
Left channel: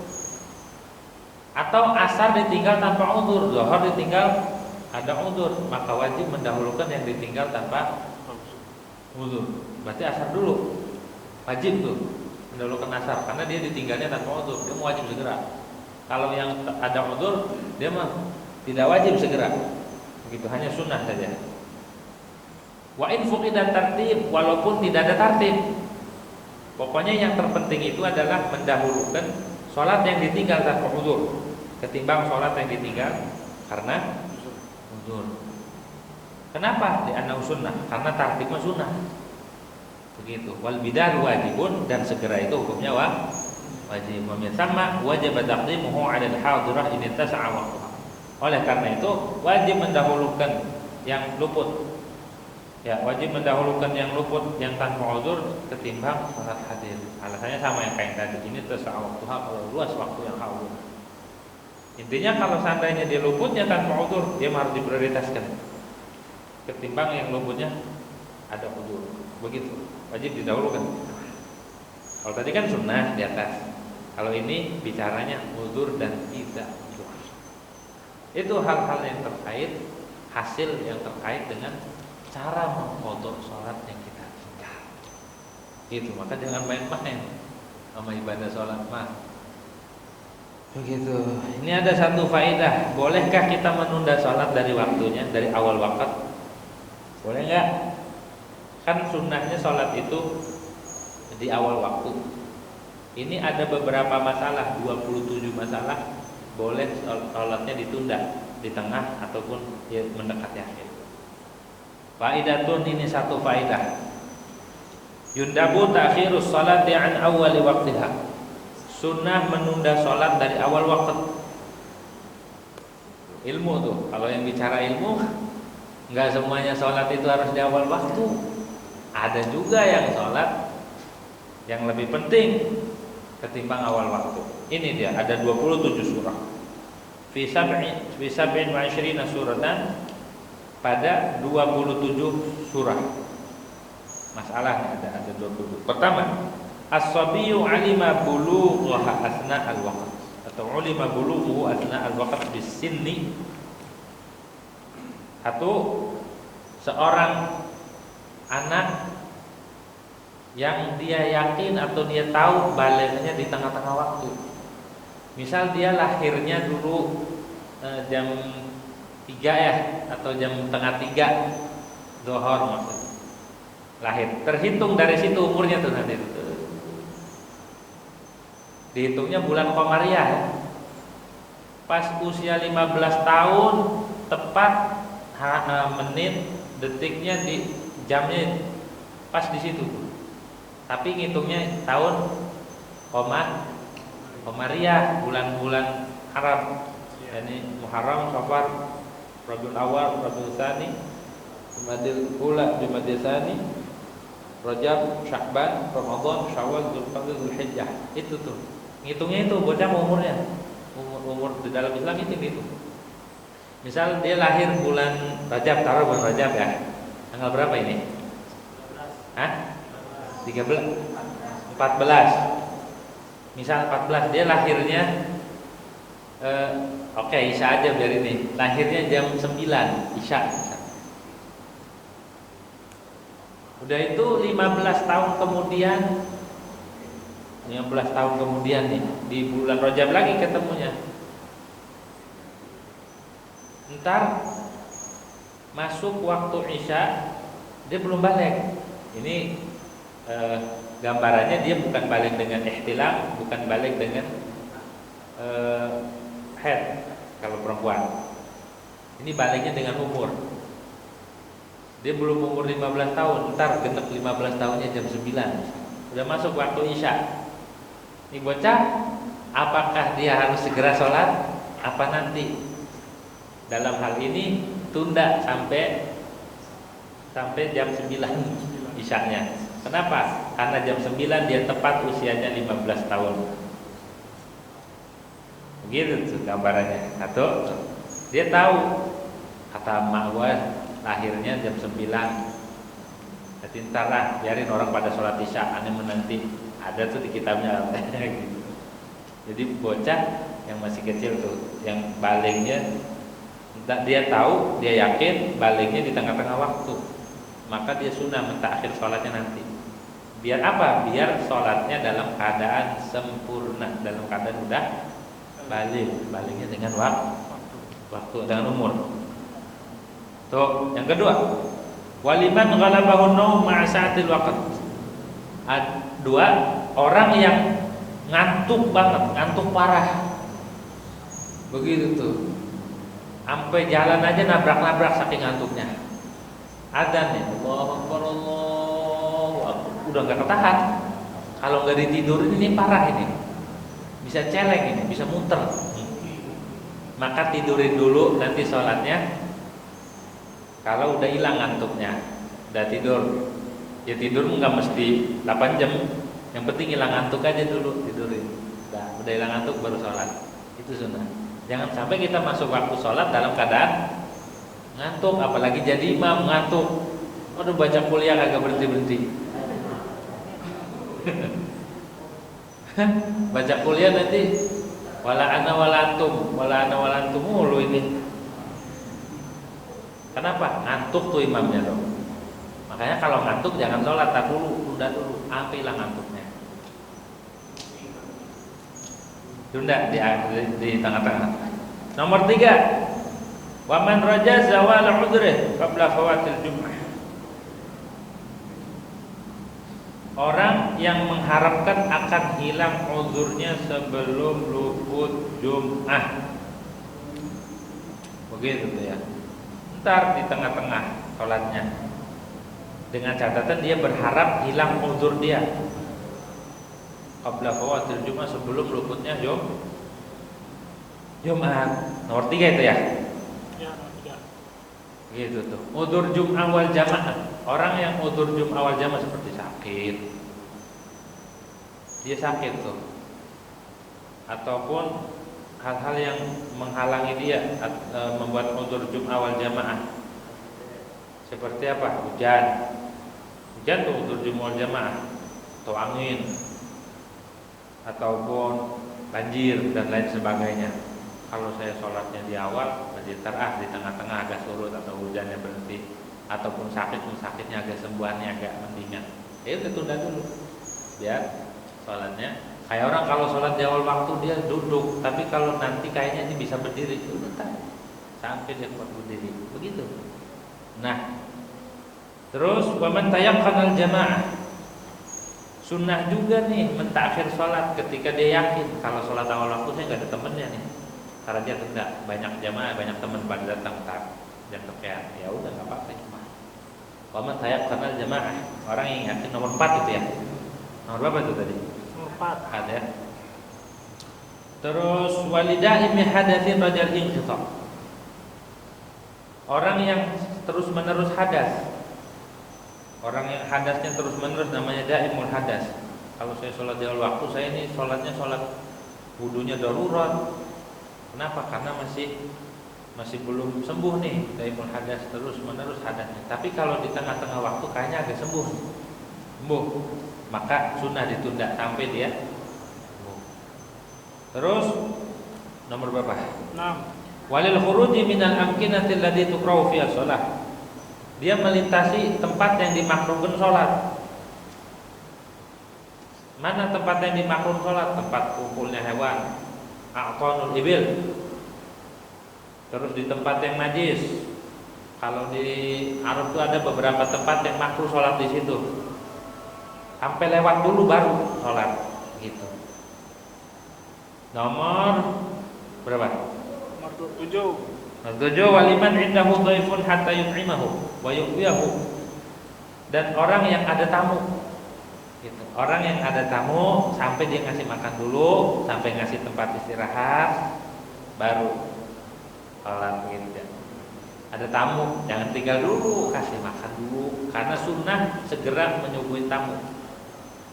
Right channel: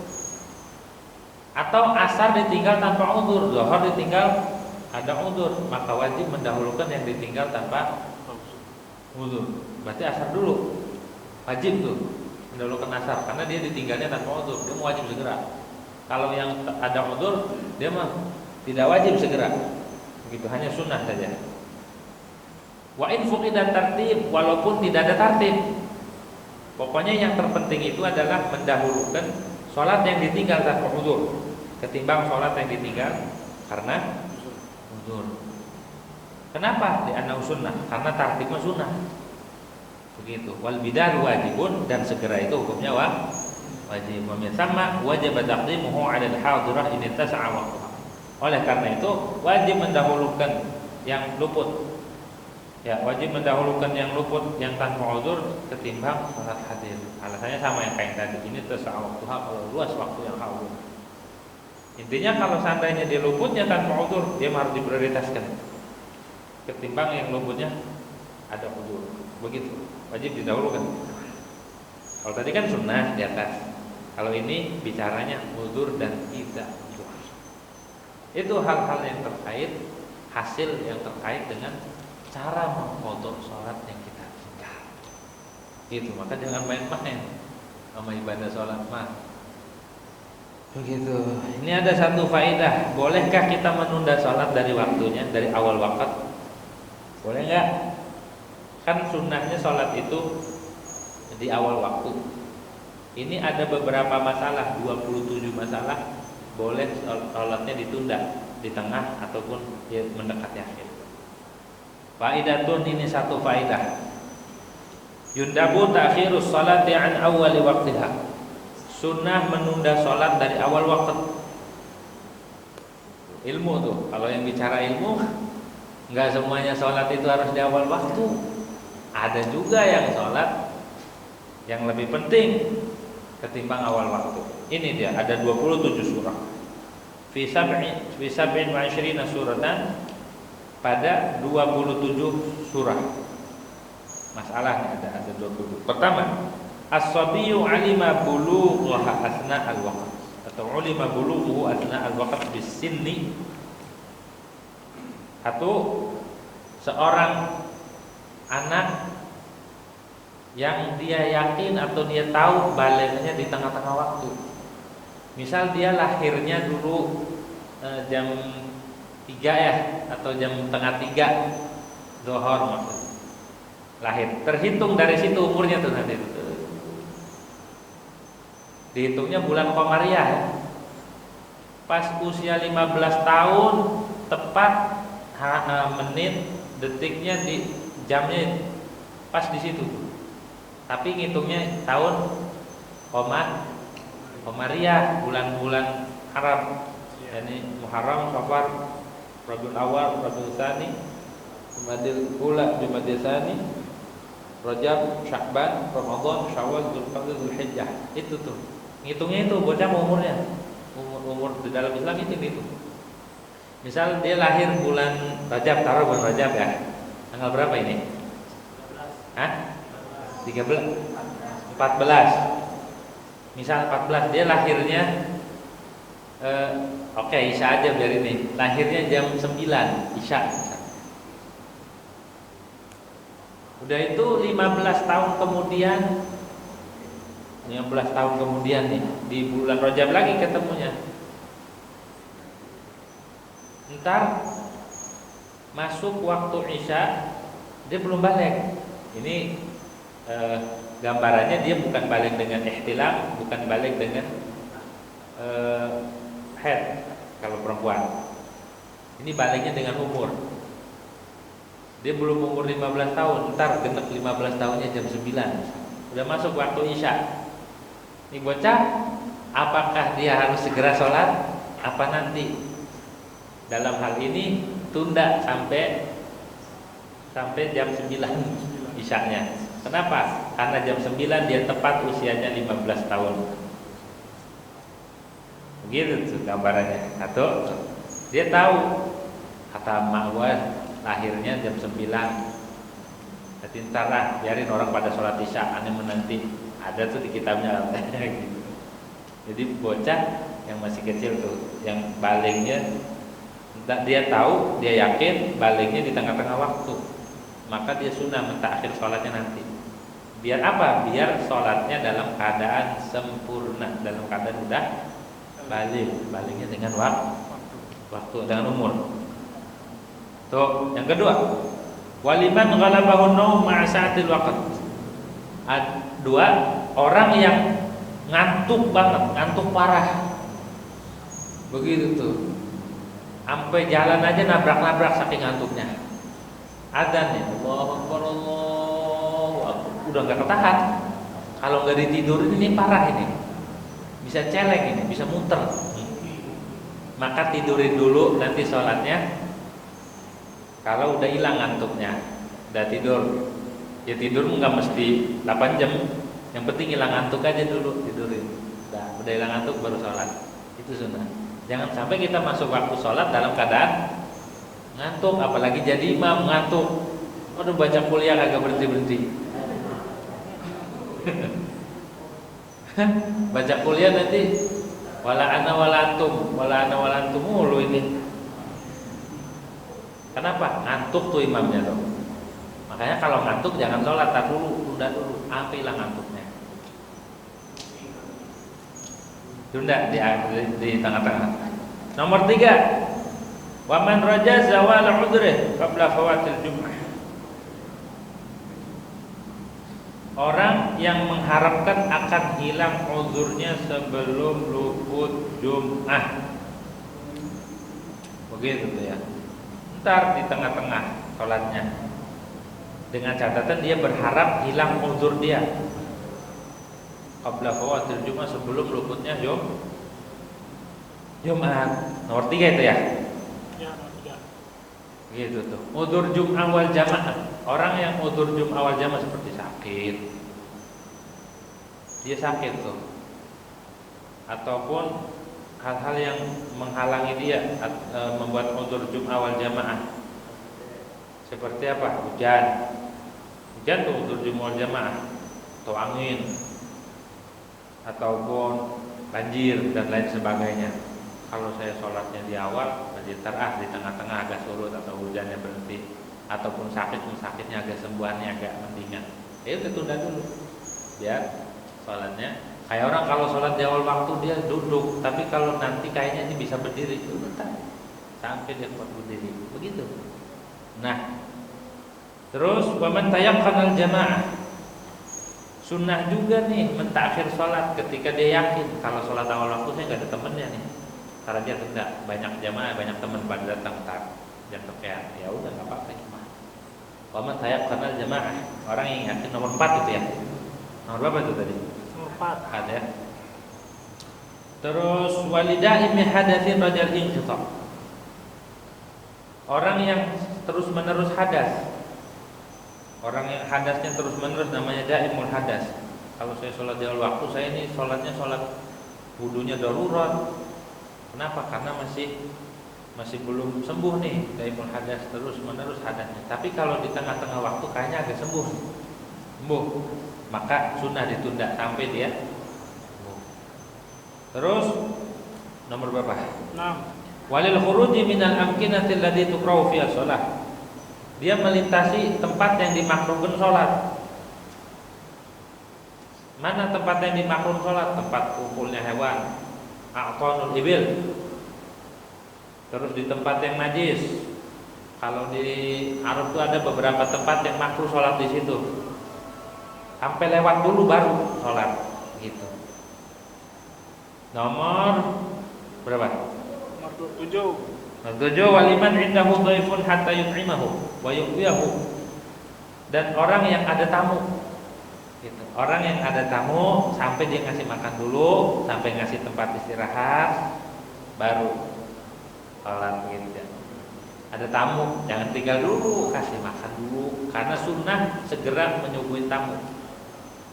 Atau asar ditinggal tanpa udzur, zuhur ditinggal ada udzur, maka wajib mendahulukan yang ditinggal tanpa udzur. Berarti asar dulu. Wajib tuh mendahulukan asar karena dia ditinggalnya tanpa udzur, dia wajib segera. Kalau yang ada udzur, dia mah tidak wajib segera. Begitu, hanya sunnah saja. Wa in fuqidat tartib, walaupun tidak ada tartib. Pokoknya yang terpenting itu adalah mendahulukan sholat yang ditinggal tanpa udzur ketimbang sholat yang ditinggal karena udzur. Kenapa? Di anau sunnah, karena tartibnya sunnah. Begitu. Wal bidaru wajibun, dan segera itu hukumnya wajib. Wa min thamma wajib taqdimuhu 'ala al-hadirah in tasa'a waqtuha. Oleh karena itu wajib mendahulukan yang luput. Ya, wajib mendahulukan yang luput yang tanpa udzur ketimbang salat hadir. Alasannya sama yang kayak tadi. Ini tasa'a waqtuha, kalau luas waktu yang hadir. Intinya kalau seandainya dia luputnya tanpa udzur, dia harus diprioritaskan ketimbang yang luputnya ada udzur. Begitu, wajib didahulukan. Kalau tadi kan sunnah di atas, kalau ini bicaranya udzur dan tidak udzur. Itu hal-hal yang terkait, hasil yang terkait dengan cara mengqadha sholat yang kita tinggal. Gitu, maka jangan main-main sama ibadah sholat mah. Begitu. Ini ada satu faedah, bolehkah kita menunda sholat dari waktunya, dari awal waktu? Boleh nggak? Kan sunnahnya sholat itu di awal waktu. Ini ada beberapa masalah, 27 masalah. Boleh sholatnya ditunda di tengah ataupun mendekati akhir. Faidatun, ini satu faedah. Yundabu ta'khirus salati an awwali waqtiha. Sunnah menunda salat dari awal waktu. Ilmu tuh, kalau yang bicara ilmu, enggak semuanya salat itu harus di awal waktu. Ada juga yang salat yang lebih penting ketimbang awal waktu. Ini dia, ada 27 surah. Fi sab'in wa 'ishrina suratan, pada 27 surah. Masalahnya ada 20. Pertama, as-sabiyyu 'alima bulughaha asna al-waqt, atau 'ulima bulughuhu asna al-waqt bis-sinni. Atau seorang anak yang dia yakin atau dia tahu balaghnya di tengah-tengah waktu. Misal dia lahirnya dulu jam 3 ya, atau jam setengah 3 zuhur maksud. Lahir, terhitung dari situ umurnya tuh nanti itu. Dihitungnya bulan Qamariyah. Pas usia 15 tahun tepat menit detiknya di jamnya pas di situ. Tapi ngitungnya tahun Qamariyah, bulan-bulan Arab. Yani Muharram, Safar, Rabiul Awal, Rabiul Tsani, Jumadil Ula, Jumadil Tsani, Rajab, Sya'ban, Ramadan, Syawal, Dzulqa'dah, Dzulhijjah. Itu tuh. Ngitungnya itu bocah umurnya. Umur di dalam Islam itu. Misal dia lahir bulan Rajab, taruh bulan Rajab ya. Tanggal berapa ini? 13, 14. Misal 14, dia lahirnya Isya aja biar ini. Lahirnya jam 9 Isya. Udah itu 15 tahun kemudian, 15 tahun kemudian nih, di bulan Rajab lagi ketemunya. Ntar masuk waktu Isya, dia belum balik. Ini gambarannya dia bukan balik dengan ihtilam, bukan balik dengan head kalau perempuan. Ini baliknya dengan umur. Dia belum umur 15 tahun, ntar genep 15 tahunnya jam 9. Udah masuk waktu Isya. Ini bocah, apakah dia harus segera sholat? Apa nanti? Dalam hal ini tunda sampai jam 9 Isyanya. Kenapa? Karena jam 9 dia tepat usianya 15 tahun. Begitu tuh gambarannya. Atau dia tahu, kata mak gua lahirnya jam 9. Jadi ntar lah, biarin orang pada sholat Isya, aneh menanti. Ada tuh di kitabnya. Jadi bocah yang masih kecil tuh, yang baliknya, dia tahu, dia yakin baliknya di tengah-tengah waktu, maka dia sunnah mentakhir sholatnya nanti. Biar apa? Biar sholatnya dalam keadaan sempurna, dalam keadaan udah baliknya dengan waktu dengan umur. Tuh, yang kedua, waliman ghalabahun naum ma'a sa'atil waqt. Dua, orang yang ngantuk banget, ngantuk parah. Begitu tuh. Sampai jalan aja nabrak-nabrak saking ngantuknya. Adzan nih, Allahu Akbar, Allahu Akbar. Udah enggak ketahan. Kalau enggak ditidurin ini parah ini. Bisa celeng ini, bisa muter. Maka tidurin dulu, nanti sholatnya. Kalau udah hilang ngantuknya, udah tidur, ya tidur nggak mesti 8 jam. Yang penting hilang ngantuk aja dulu, tidurin. Udah hilang ngantuk baru sholat. Itu sunnah. Jangan sampai kita masuk waktu sholat dalam keadaan ngantuk, apalagi jadi imam ngantuk. Aduh, baca kuliah kagak berhenti. Baca kuliah nanti wala ana wala antum mulu ini. Kenapa? Ngantuk tuh imamnya tuh. Makanya kalau ngantuk jangan sholat, tar dulu, tunda dulu, sampai hilang ngantuknya. Tunda di tengah-tengah. Nomor 3, waman raja zawal udhrih qabla fawatil jum'ah. Orang yang mengharapkan akan hilang uzurnya sebelum luput Jum'ah. Begitu tuh ya. Ntar di tengah-tengah sholatnya dengan catatan dia berharap hilang uzur dia qabla fawatil Jumat, sebelum luputnya Jumat. Nomor 3 itu ya? Ya, nomor 3. Gitu tuh. Uzur Jum'ah wal jamaah. Orang yang uzur Jum'ah wal jamaah seperti sakit. Dia sakit tuh. Ataupun hal-hal yang menghalangi dia membuat uzur Jum'ah wal jamaah. Seperti apa? Hujan. Hujan tuh uzur Jum'ah wal jamaah. Atau angin. Ataupun banjir dan lain sebagainya. Kalau saya sholatnya di awal, di tengah-tengah agak surut atau hujannya berhenti, ataupun sakitnya agak sembuhannya agak mendingan, ya udah tunda dulu, biar sholatnya. Kayak orang kalau sholat di awal waktu dia duduk, tapi kalau nanti kayaknya ini bisa berdiri, udah sampai dia kuat berdiri, begitu. Nah, terus waman tayaqqanal jamaah, sunnah juga nih mentakhir sholat ketika dia yakin kalau sholat awal waktu saya nggak ada temennya nih. Karena dia tunda, banyak jamaah, banyak teman pada datang dan tepian, ya udah nggak apa-apa cuma. Waman tayaqqanal jamaah, orang yang yakin. Nomor 4 itu ya. Nomor berapa itu tadi? Nomor 4 ya. Terus walidaimi hadatsin rajal inqita. Orang yang terus menerus hadas. Orang yang hadasnya terus menerus namanya daimul hadas. Kalau saya sholat di awal waktu, saya ini sholatnya sholat wudunya darurat. Kenapa? Karena masih belum sembuh nih, daimul hadas, terus menerus hadasnya. Tapi kalau di tengah-tengah waktu kayaknya agak sembuh, maka sunnah ditunda sampai dia sembuh. Terus nomor berapa? 6. Walil khuruji minal amkinati allati tukrahu fiha shalah. Dia melintasi tempat yang dimakruhkan sholat. Mana tempat yang dimakruhkan sholat? Tempat kumpulnya hewan, aqtanul ibil. Terus di tempat yang najis. Kalau di Arab itu ada beberapa tempat yang makruh sholat di situ. Sampai lewat dulu baru sholat, gitu. Nomor berapa? Nomor 7. Tujuh, waliman indahu dhaifun hatta yut'imahu wa yu'wiyahu. Dan orang yang ada tamu, gitu. Orang yang ada tamu sampai dia ngasih makan dulu, sampai ngasih tempat istirahat, baru sholat, gitu. Ada tamu, jangan tinggal dulu, kasih makan dulu. Karena sunnah segera menyuguhi tamu.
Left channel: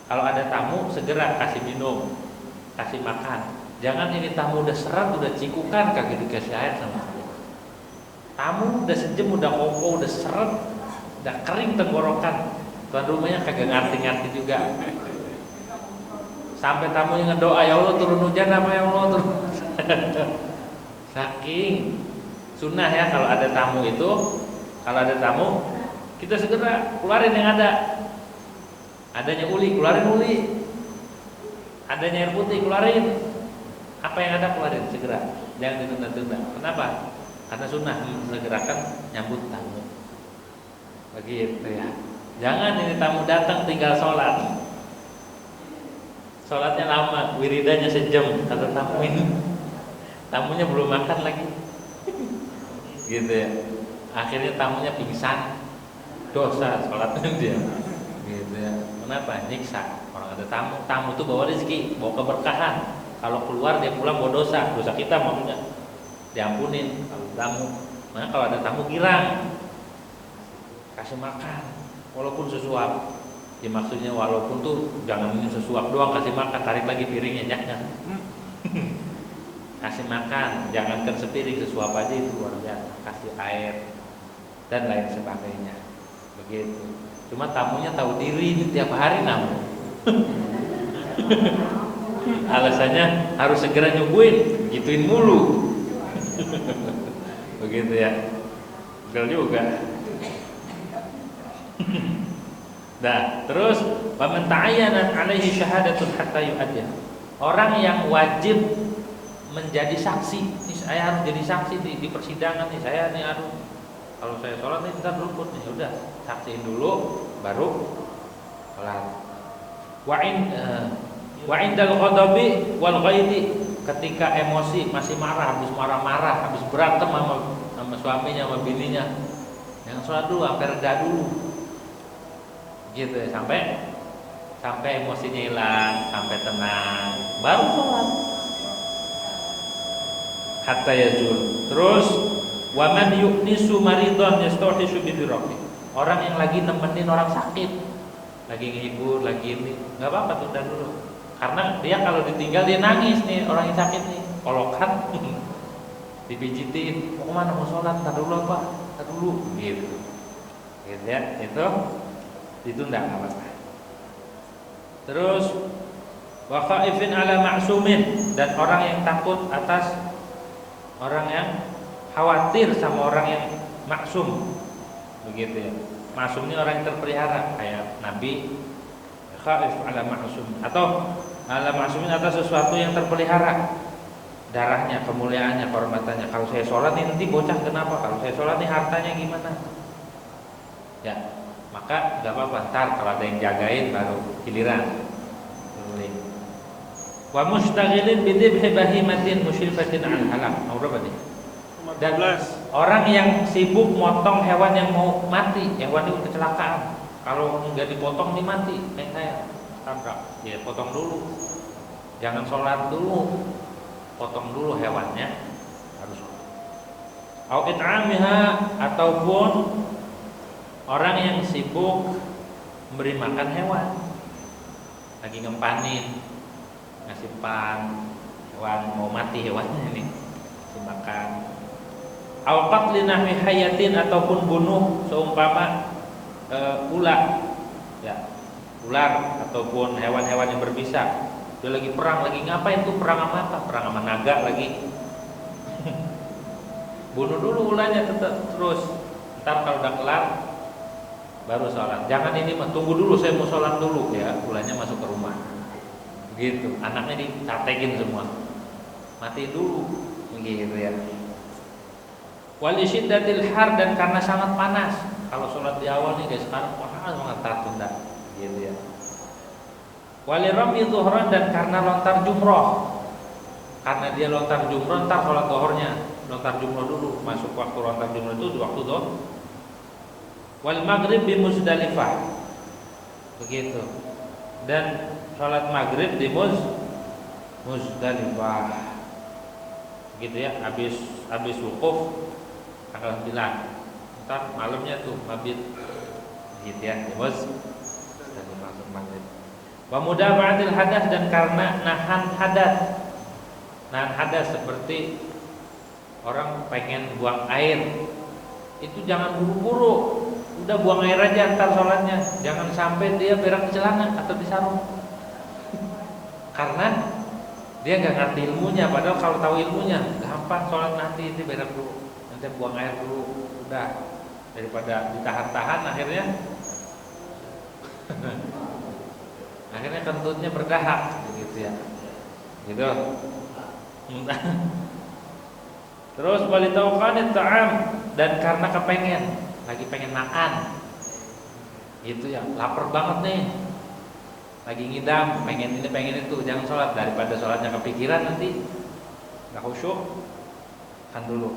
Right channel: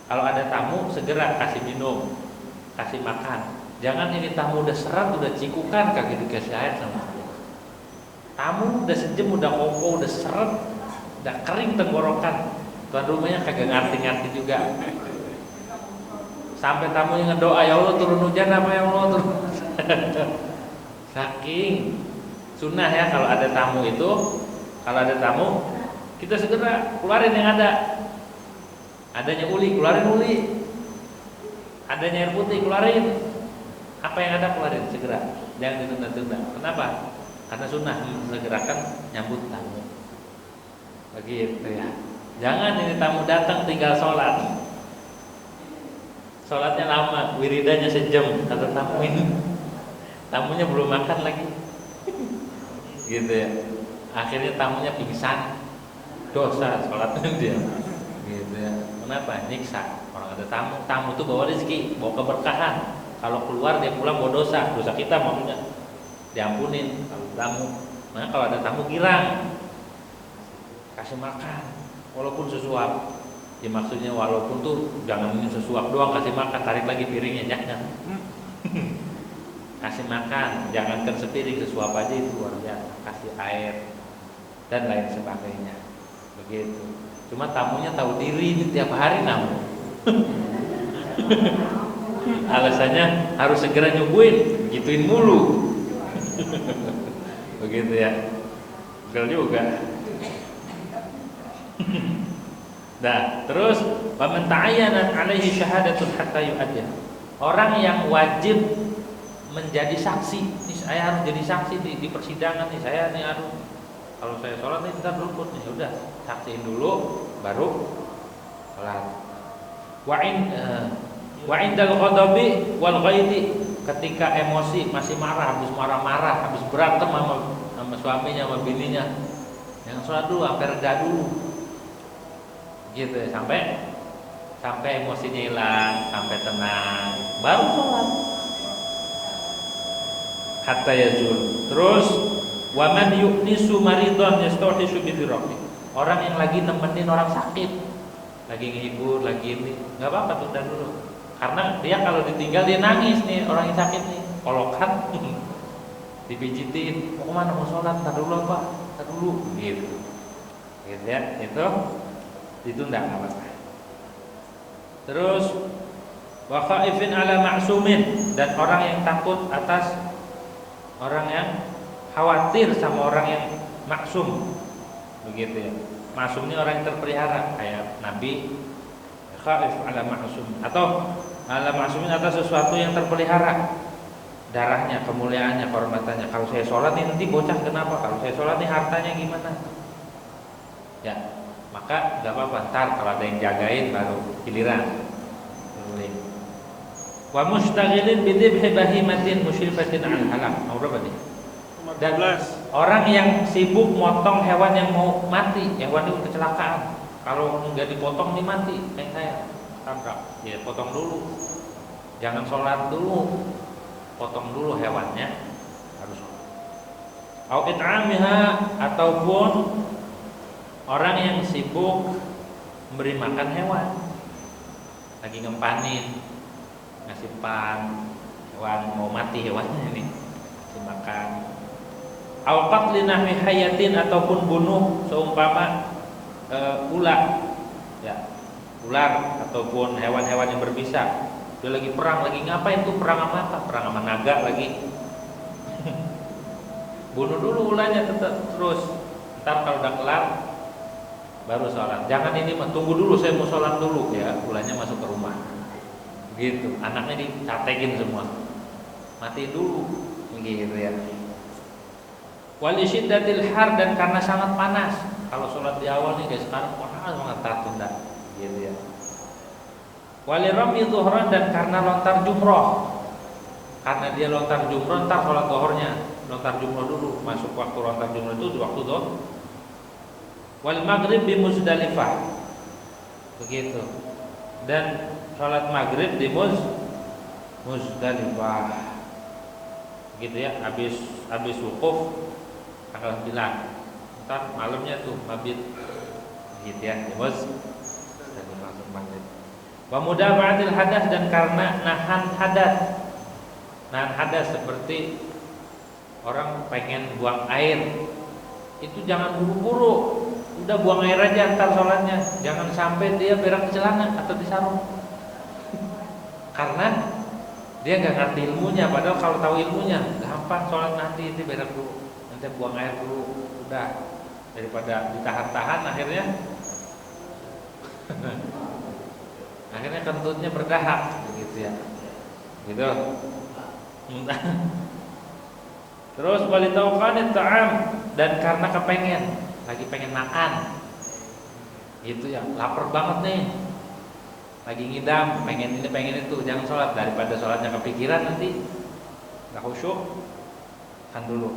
Kalau ada tamu segera kasih minum, kasih makan. Jangan ini tamu udah serat, udah cikukan, kagak dikasih air sama. Tamu udah sejam, udah koko, udah seret, udah kering tenggorokan. Tuan rumahnya kagak ngerti-ngerti juga. Sampai tamunya ngedoa, ya Allah turun hujan apa ya Allah turun. Saking sunnah ya kalau ada tamu itu, kalau ada tamu kita segera keluarin yang ada. Adanya uli, keluarin uli. Adanya air putih, keluarin. Apa yang ada keluarin segera. Jangan ditunda-tunda. Kenapa? Karena sunnah segerakan nyambut tamu. Begitu ya. Jangan ini tamu datang tinggal sholat. Sholatnya lama, wiridanya sejam. Kata tamu ini, tamunya belum makan lagi. Gitu ya. Akhirnya tamunya pingsan. Dosa sholatnya dia. Gitu ya. Kenapa? Nyiksa. Orang ada tamu, tamu itu bawa rezeki, bawa keberkahan. Kalau keluar dia pulang bawa dosa. Dosa kita maksudnya diampunin kalau tamu. Nah kalau ada tamu girang, kasih makan walaupun sesuap. Ya maksudnya walaupun tuh jangan sesuap doang, kasih makan, tarik lagi piringnya, jangan. Kasih makan, jangankan sepiring, sesuap aja itu luar biasa. Kasih air dan lain sebagainya. Begitu. Cuma tamunya tahu diri ini tiap hari namun. Alasannya harus segera nyuguhin, gituin mulu. Begitu ya. Betul juga. Nah, terus waman ta'ayyana 'alaihi syahadatun hatta yu'addiha. Orang yang wajib menjadi saksi. Nih saya harus jadi saksi di persidangan nih. Saya nih harus kalau saya sholat nih kita berukut nih. Udah, saksiin dulu baru sholat. Wa indal ghadabi wal ghaidi, ketika emosi masih marah, habis marah-marah, habis berantem sama suaminya, sama bininya, jangan sholat dulu, sampai reda dulu. gitu ya, sampai emosinya hilang, sampai tenang, baru sholat. Hatta yazul. Terus waman yu'nisu maridon yastauhishu bidirati. Orang yang lagi nemenin orang sakit, lagi ngehibur, lagi ini, nggak apa-apa, tunda dulu. Karena dia kalau ditinggal dia nangis nih, orang yang sakit nih, kolokan, dipijitin, mau kemana, mau sholat, tar dulu apa, tar dulu, gitu ya, itu ditunda nggak apa-apa. Terus wa khaifin ala ma'sumin, dan orang yang takut atas orang yang khawatir sama orang yang maksum, begitu ya. Maksum ini orang yang terpelihara, kayak Nabi. Khaif ala ma'sum, atau ala ma'sumin atas sesuatu yang terpelihara, darahnya, kemuliaannya, kehormatannya. Kalau saya sholat nih nanti bocah kenapa? Kalau saya sholat nih hartanya gimana? Ya, maka nggak apa-apa. Ntar kalau ada yang jagain baru giliran. Wa mustaghilin bidibhi bahimatin musyrifatin al halak. Nomor berapa nih? Dan orang yang sibuk motong hewan yang mau mati, hewan itu kecelakaan. Kalau nggak dipotong nih mati, kayak saya tabrak. Ya potong dulu. Jangan sholat dulu, potong dulu hewannya, harus. Au it'amiha, ataupun orang yang sibuk memberi makan hewan, lagi ngempanin, ngasih pan, hewan mau mati hewannya ini dimakan. Au qatli nahwi hayatin, ataupun bunuh seumpama ular, ya, ular ataupun hewan-hewan yang berbisa. Dia lagi perang, lagi ngapain tuh, perang sama apa? Perang sama naga lagi. Bunuh dulu ularnya terus. Ntar kalau udah kelar baru sholat. Jangan ini mah, tunggu dulu saya mau sholat dulu ya. Ularnya masuk ke rumah. Begitu. Anaknya dicatekin semua. Mati dulu. Begitu ya. Wali syiddatil har, dan karena sangat panas. Kalau sholat di awal nih guys, sekarang panas banget, tunda. Gitu ya. Wali rami zuhran, dan karena lontar jumroh. Karena dia lontar jumroh, ntar sholat zuhurnya lontar jumroh dulu. Masuk waktu lontar jumroh itu di waktu zuhur. Wal maghrib di Muzdalifah, begitu. Dan sholat maghrib di Muzdalifah, begitu ya. Habis wukuf tanggal 9, ntar malamnya tuh mabit, gitu ya. Di Muzdalifah maghrib. Wa mudafa'atil hadas, dan karena nahan hadas. Nahan hadas seperti orang pengen buang air, itu jangan buru-buru. Udah buang air aja antar sholatnya. Jangan sampai dia berak di celana atau di sarung. Karena dia nggak ngerti ilmunya. Padahal kalau tahu ilmunya gampang sholat, nanti itu berak dulu, nanti buang air dulu. Udah, daripada ditahan-tahan akhirnya akhirnya kentutnya berdahak, begitu ya. Gitu. Terus walitauqanit ta'am, dan karena kepengen, lagi pengen makan, gitu ya, lapar banget nih, lagi ngidam, pengen ini pengen itu, jangan sholat. Daripada sholatnya kepikiran nanti nggak khusyuk, kan dulu.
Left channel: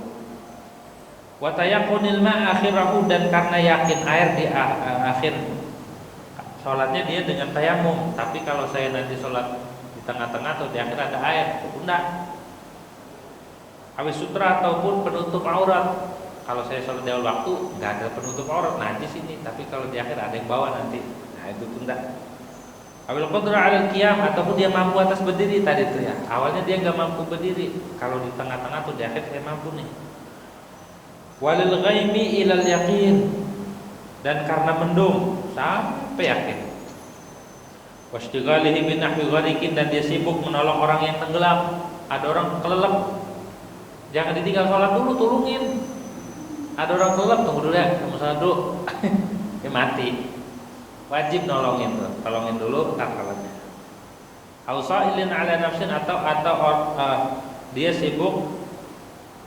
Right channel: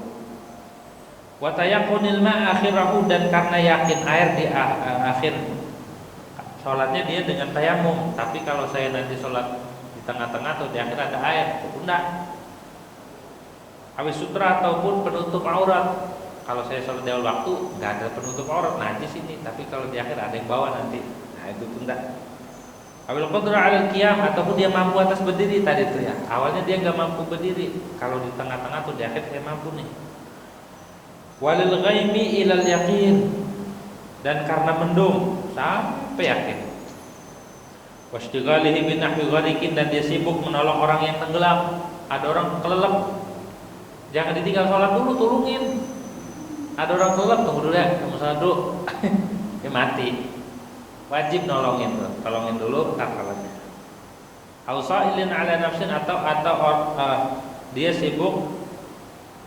Wa tayaqqunil ma akhirahu, dan karena yakin air di akhir sholatnya dia dengan tayamum. Tapi kalau saya nanti sholat di tengah-tengah atau di akhir ada air, tunda. Awis sutra, ataupun penutup aurat. Kalau saya sholat di awal waktu nggak ada penutup aurat, najis ini. Tapi kalau di akhir ada yang bawa nanti, nah itu tunda. Awil qadra 'alal qiyam, ataupun dia mampu atas berdiri tadi itu ya. Awalnya dia nggak mampu berdiri, kalau di tengah-tengah atau di akhir saya mampu nih. Walil ghaimi ilal yaqin, dan karena mendung sampai yakin. Wastighalihi bin nahwi ghariqin, dan dia sibuk menolong orang yang tenggelam. Ada orang kelelep, jangan ditinggal sholat dulu, tulungin. Ada orang kelelep, tunggu dulu ya, kamu sholat dulu. Dia mati. Wajib nolongin tuh, tolongin dulu ntar sholatnya. Ausailin ala nafsin, atau dia sibuk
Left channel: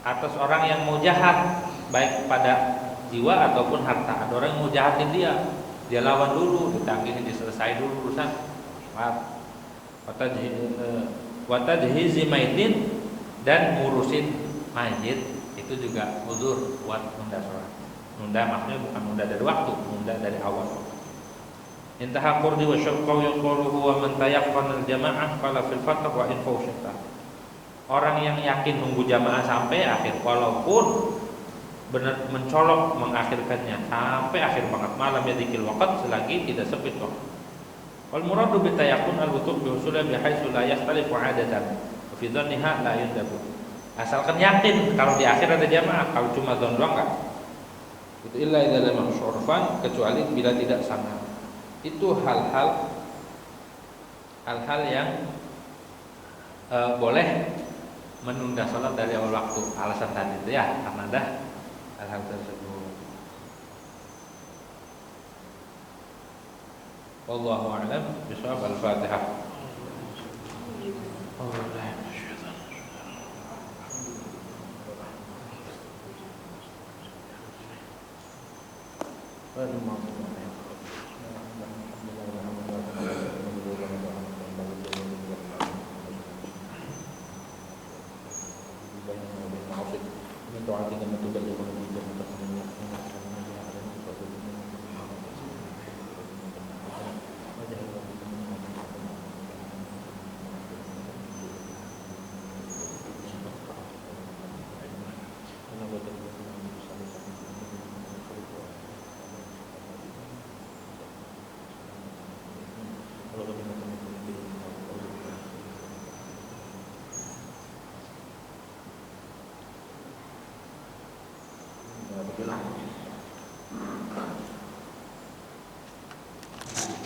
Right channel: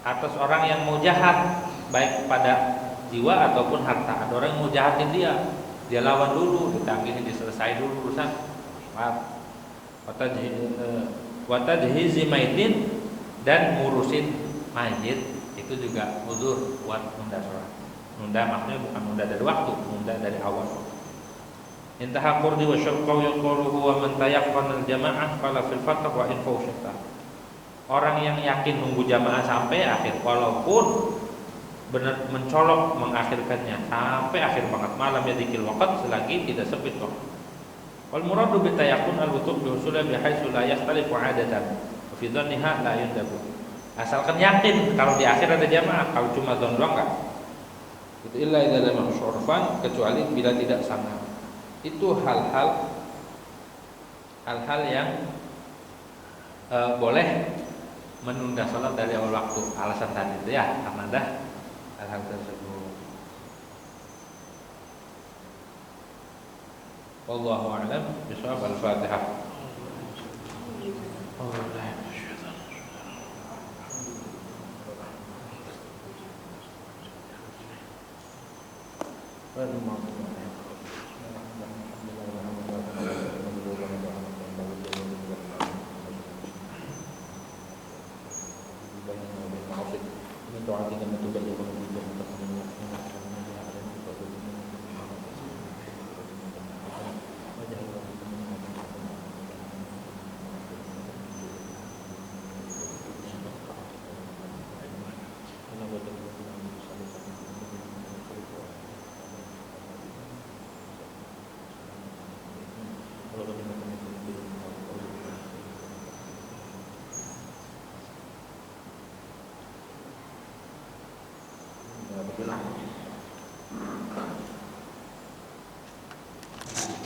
atas orang yang mau jahat, baik pada jiwa ataupun harta. Ada orang yang mau jahatin dia lawan dulu, ditanggihin, diselesai dulu urusan. Maaf. Watajhizi maitin, dan ngurusin mayit itu juga uzur buat nunda sholat. Nunda maksudnya bukan nunda dari waktu, nunda dari awal. Intaha qurdi wa syaqqa yaquluhu wa man tayaqqana al-jama'ah qala fil fath wa in fawshata. Orang yang yakin nunggu jamaah sampai akhir, walaupun benar mencolok mengakhirkannya sampai akhir banget malam ya dikil waqt selagi tidak sempit waktu. Wal muradu bi tayaqqun al-wutu' bi usulih bi haitsu la yastalifu 'adatan wa fi dhanniha la yundabu. Asalkan yakin kalau di akhir ada jamaah, kalau cuma dzon doang enggak. Itu illa idza lam yashurfan, kecuali bila tidak sangat. Itu hal-hal yang boleh menunda sholat dari awal waktu. Alasan tadi itu ya karena ada hal-hal tersebut. Wallahu a'lam bishawab. Al-Fatihah. Doa dengan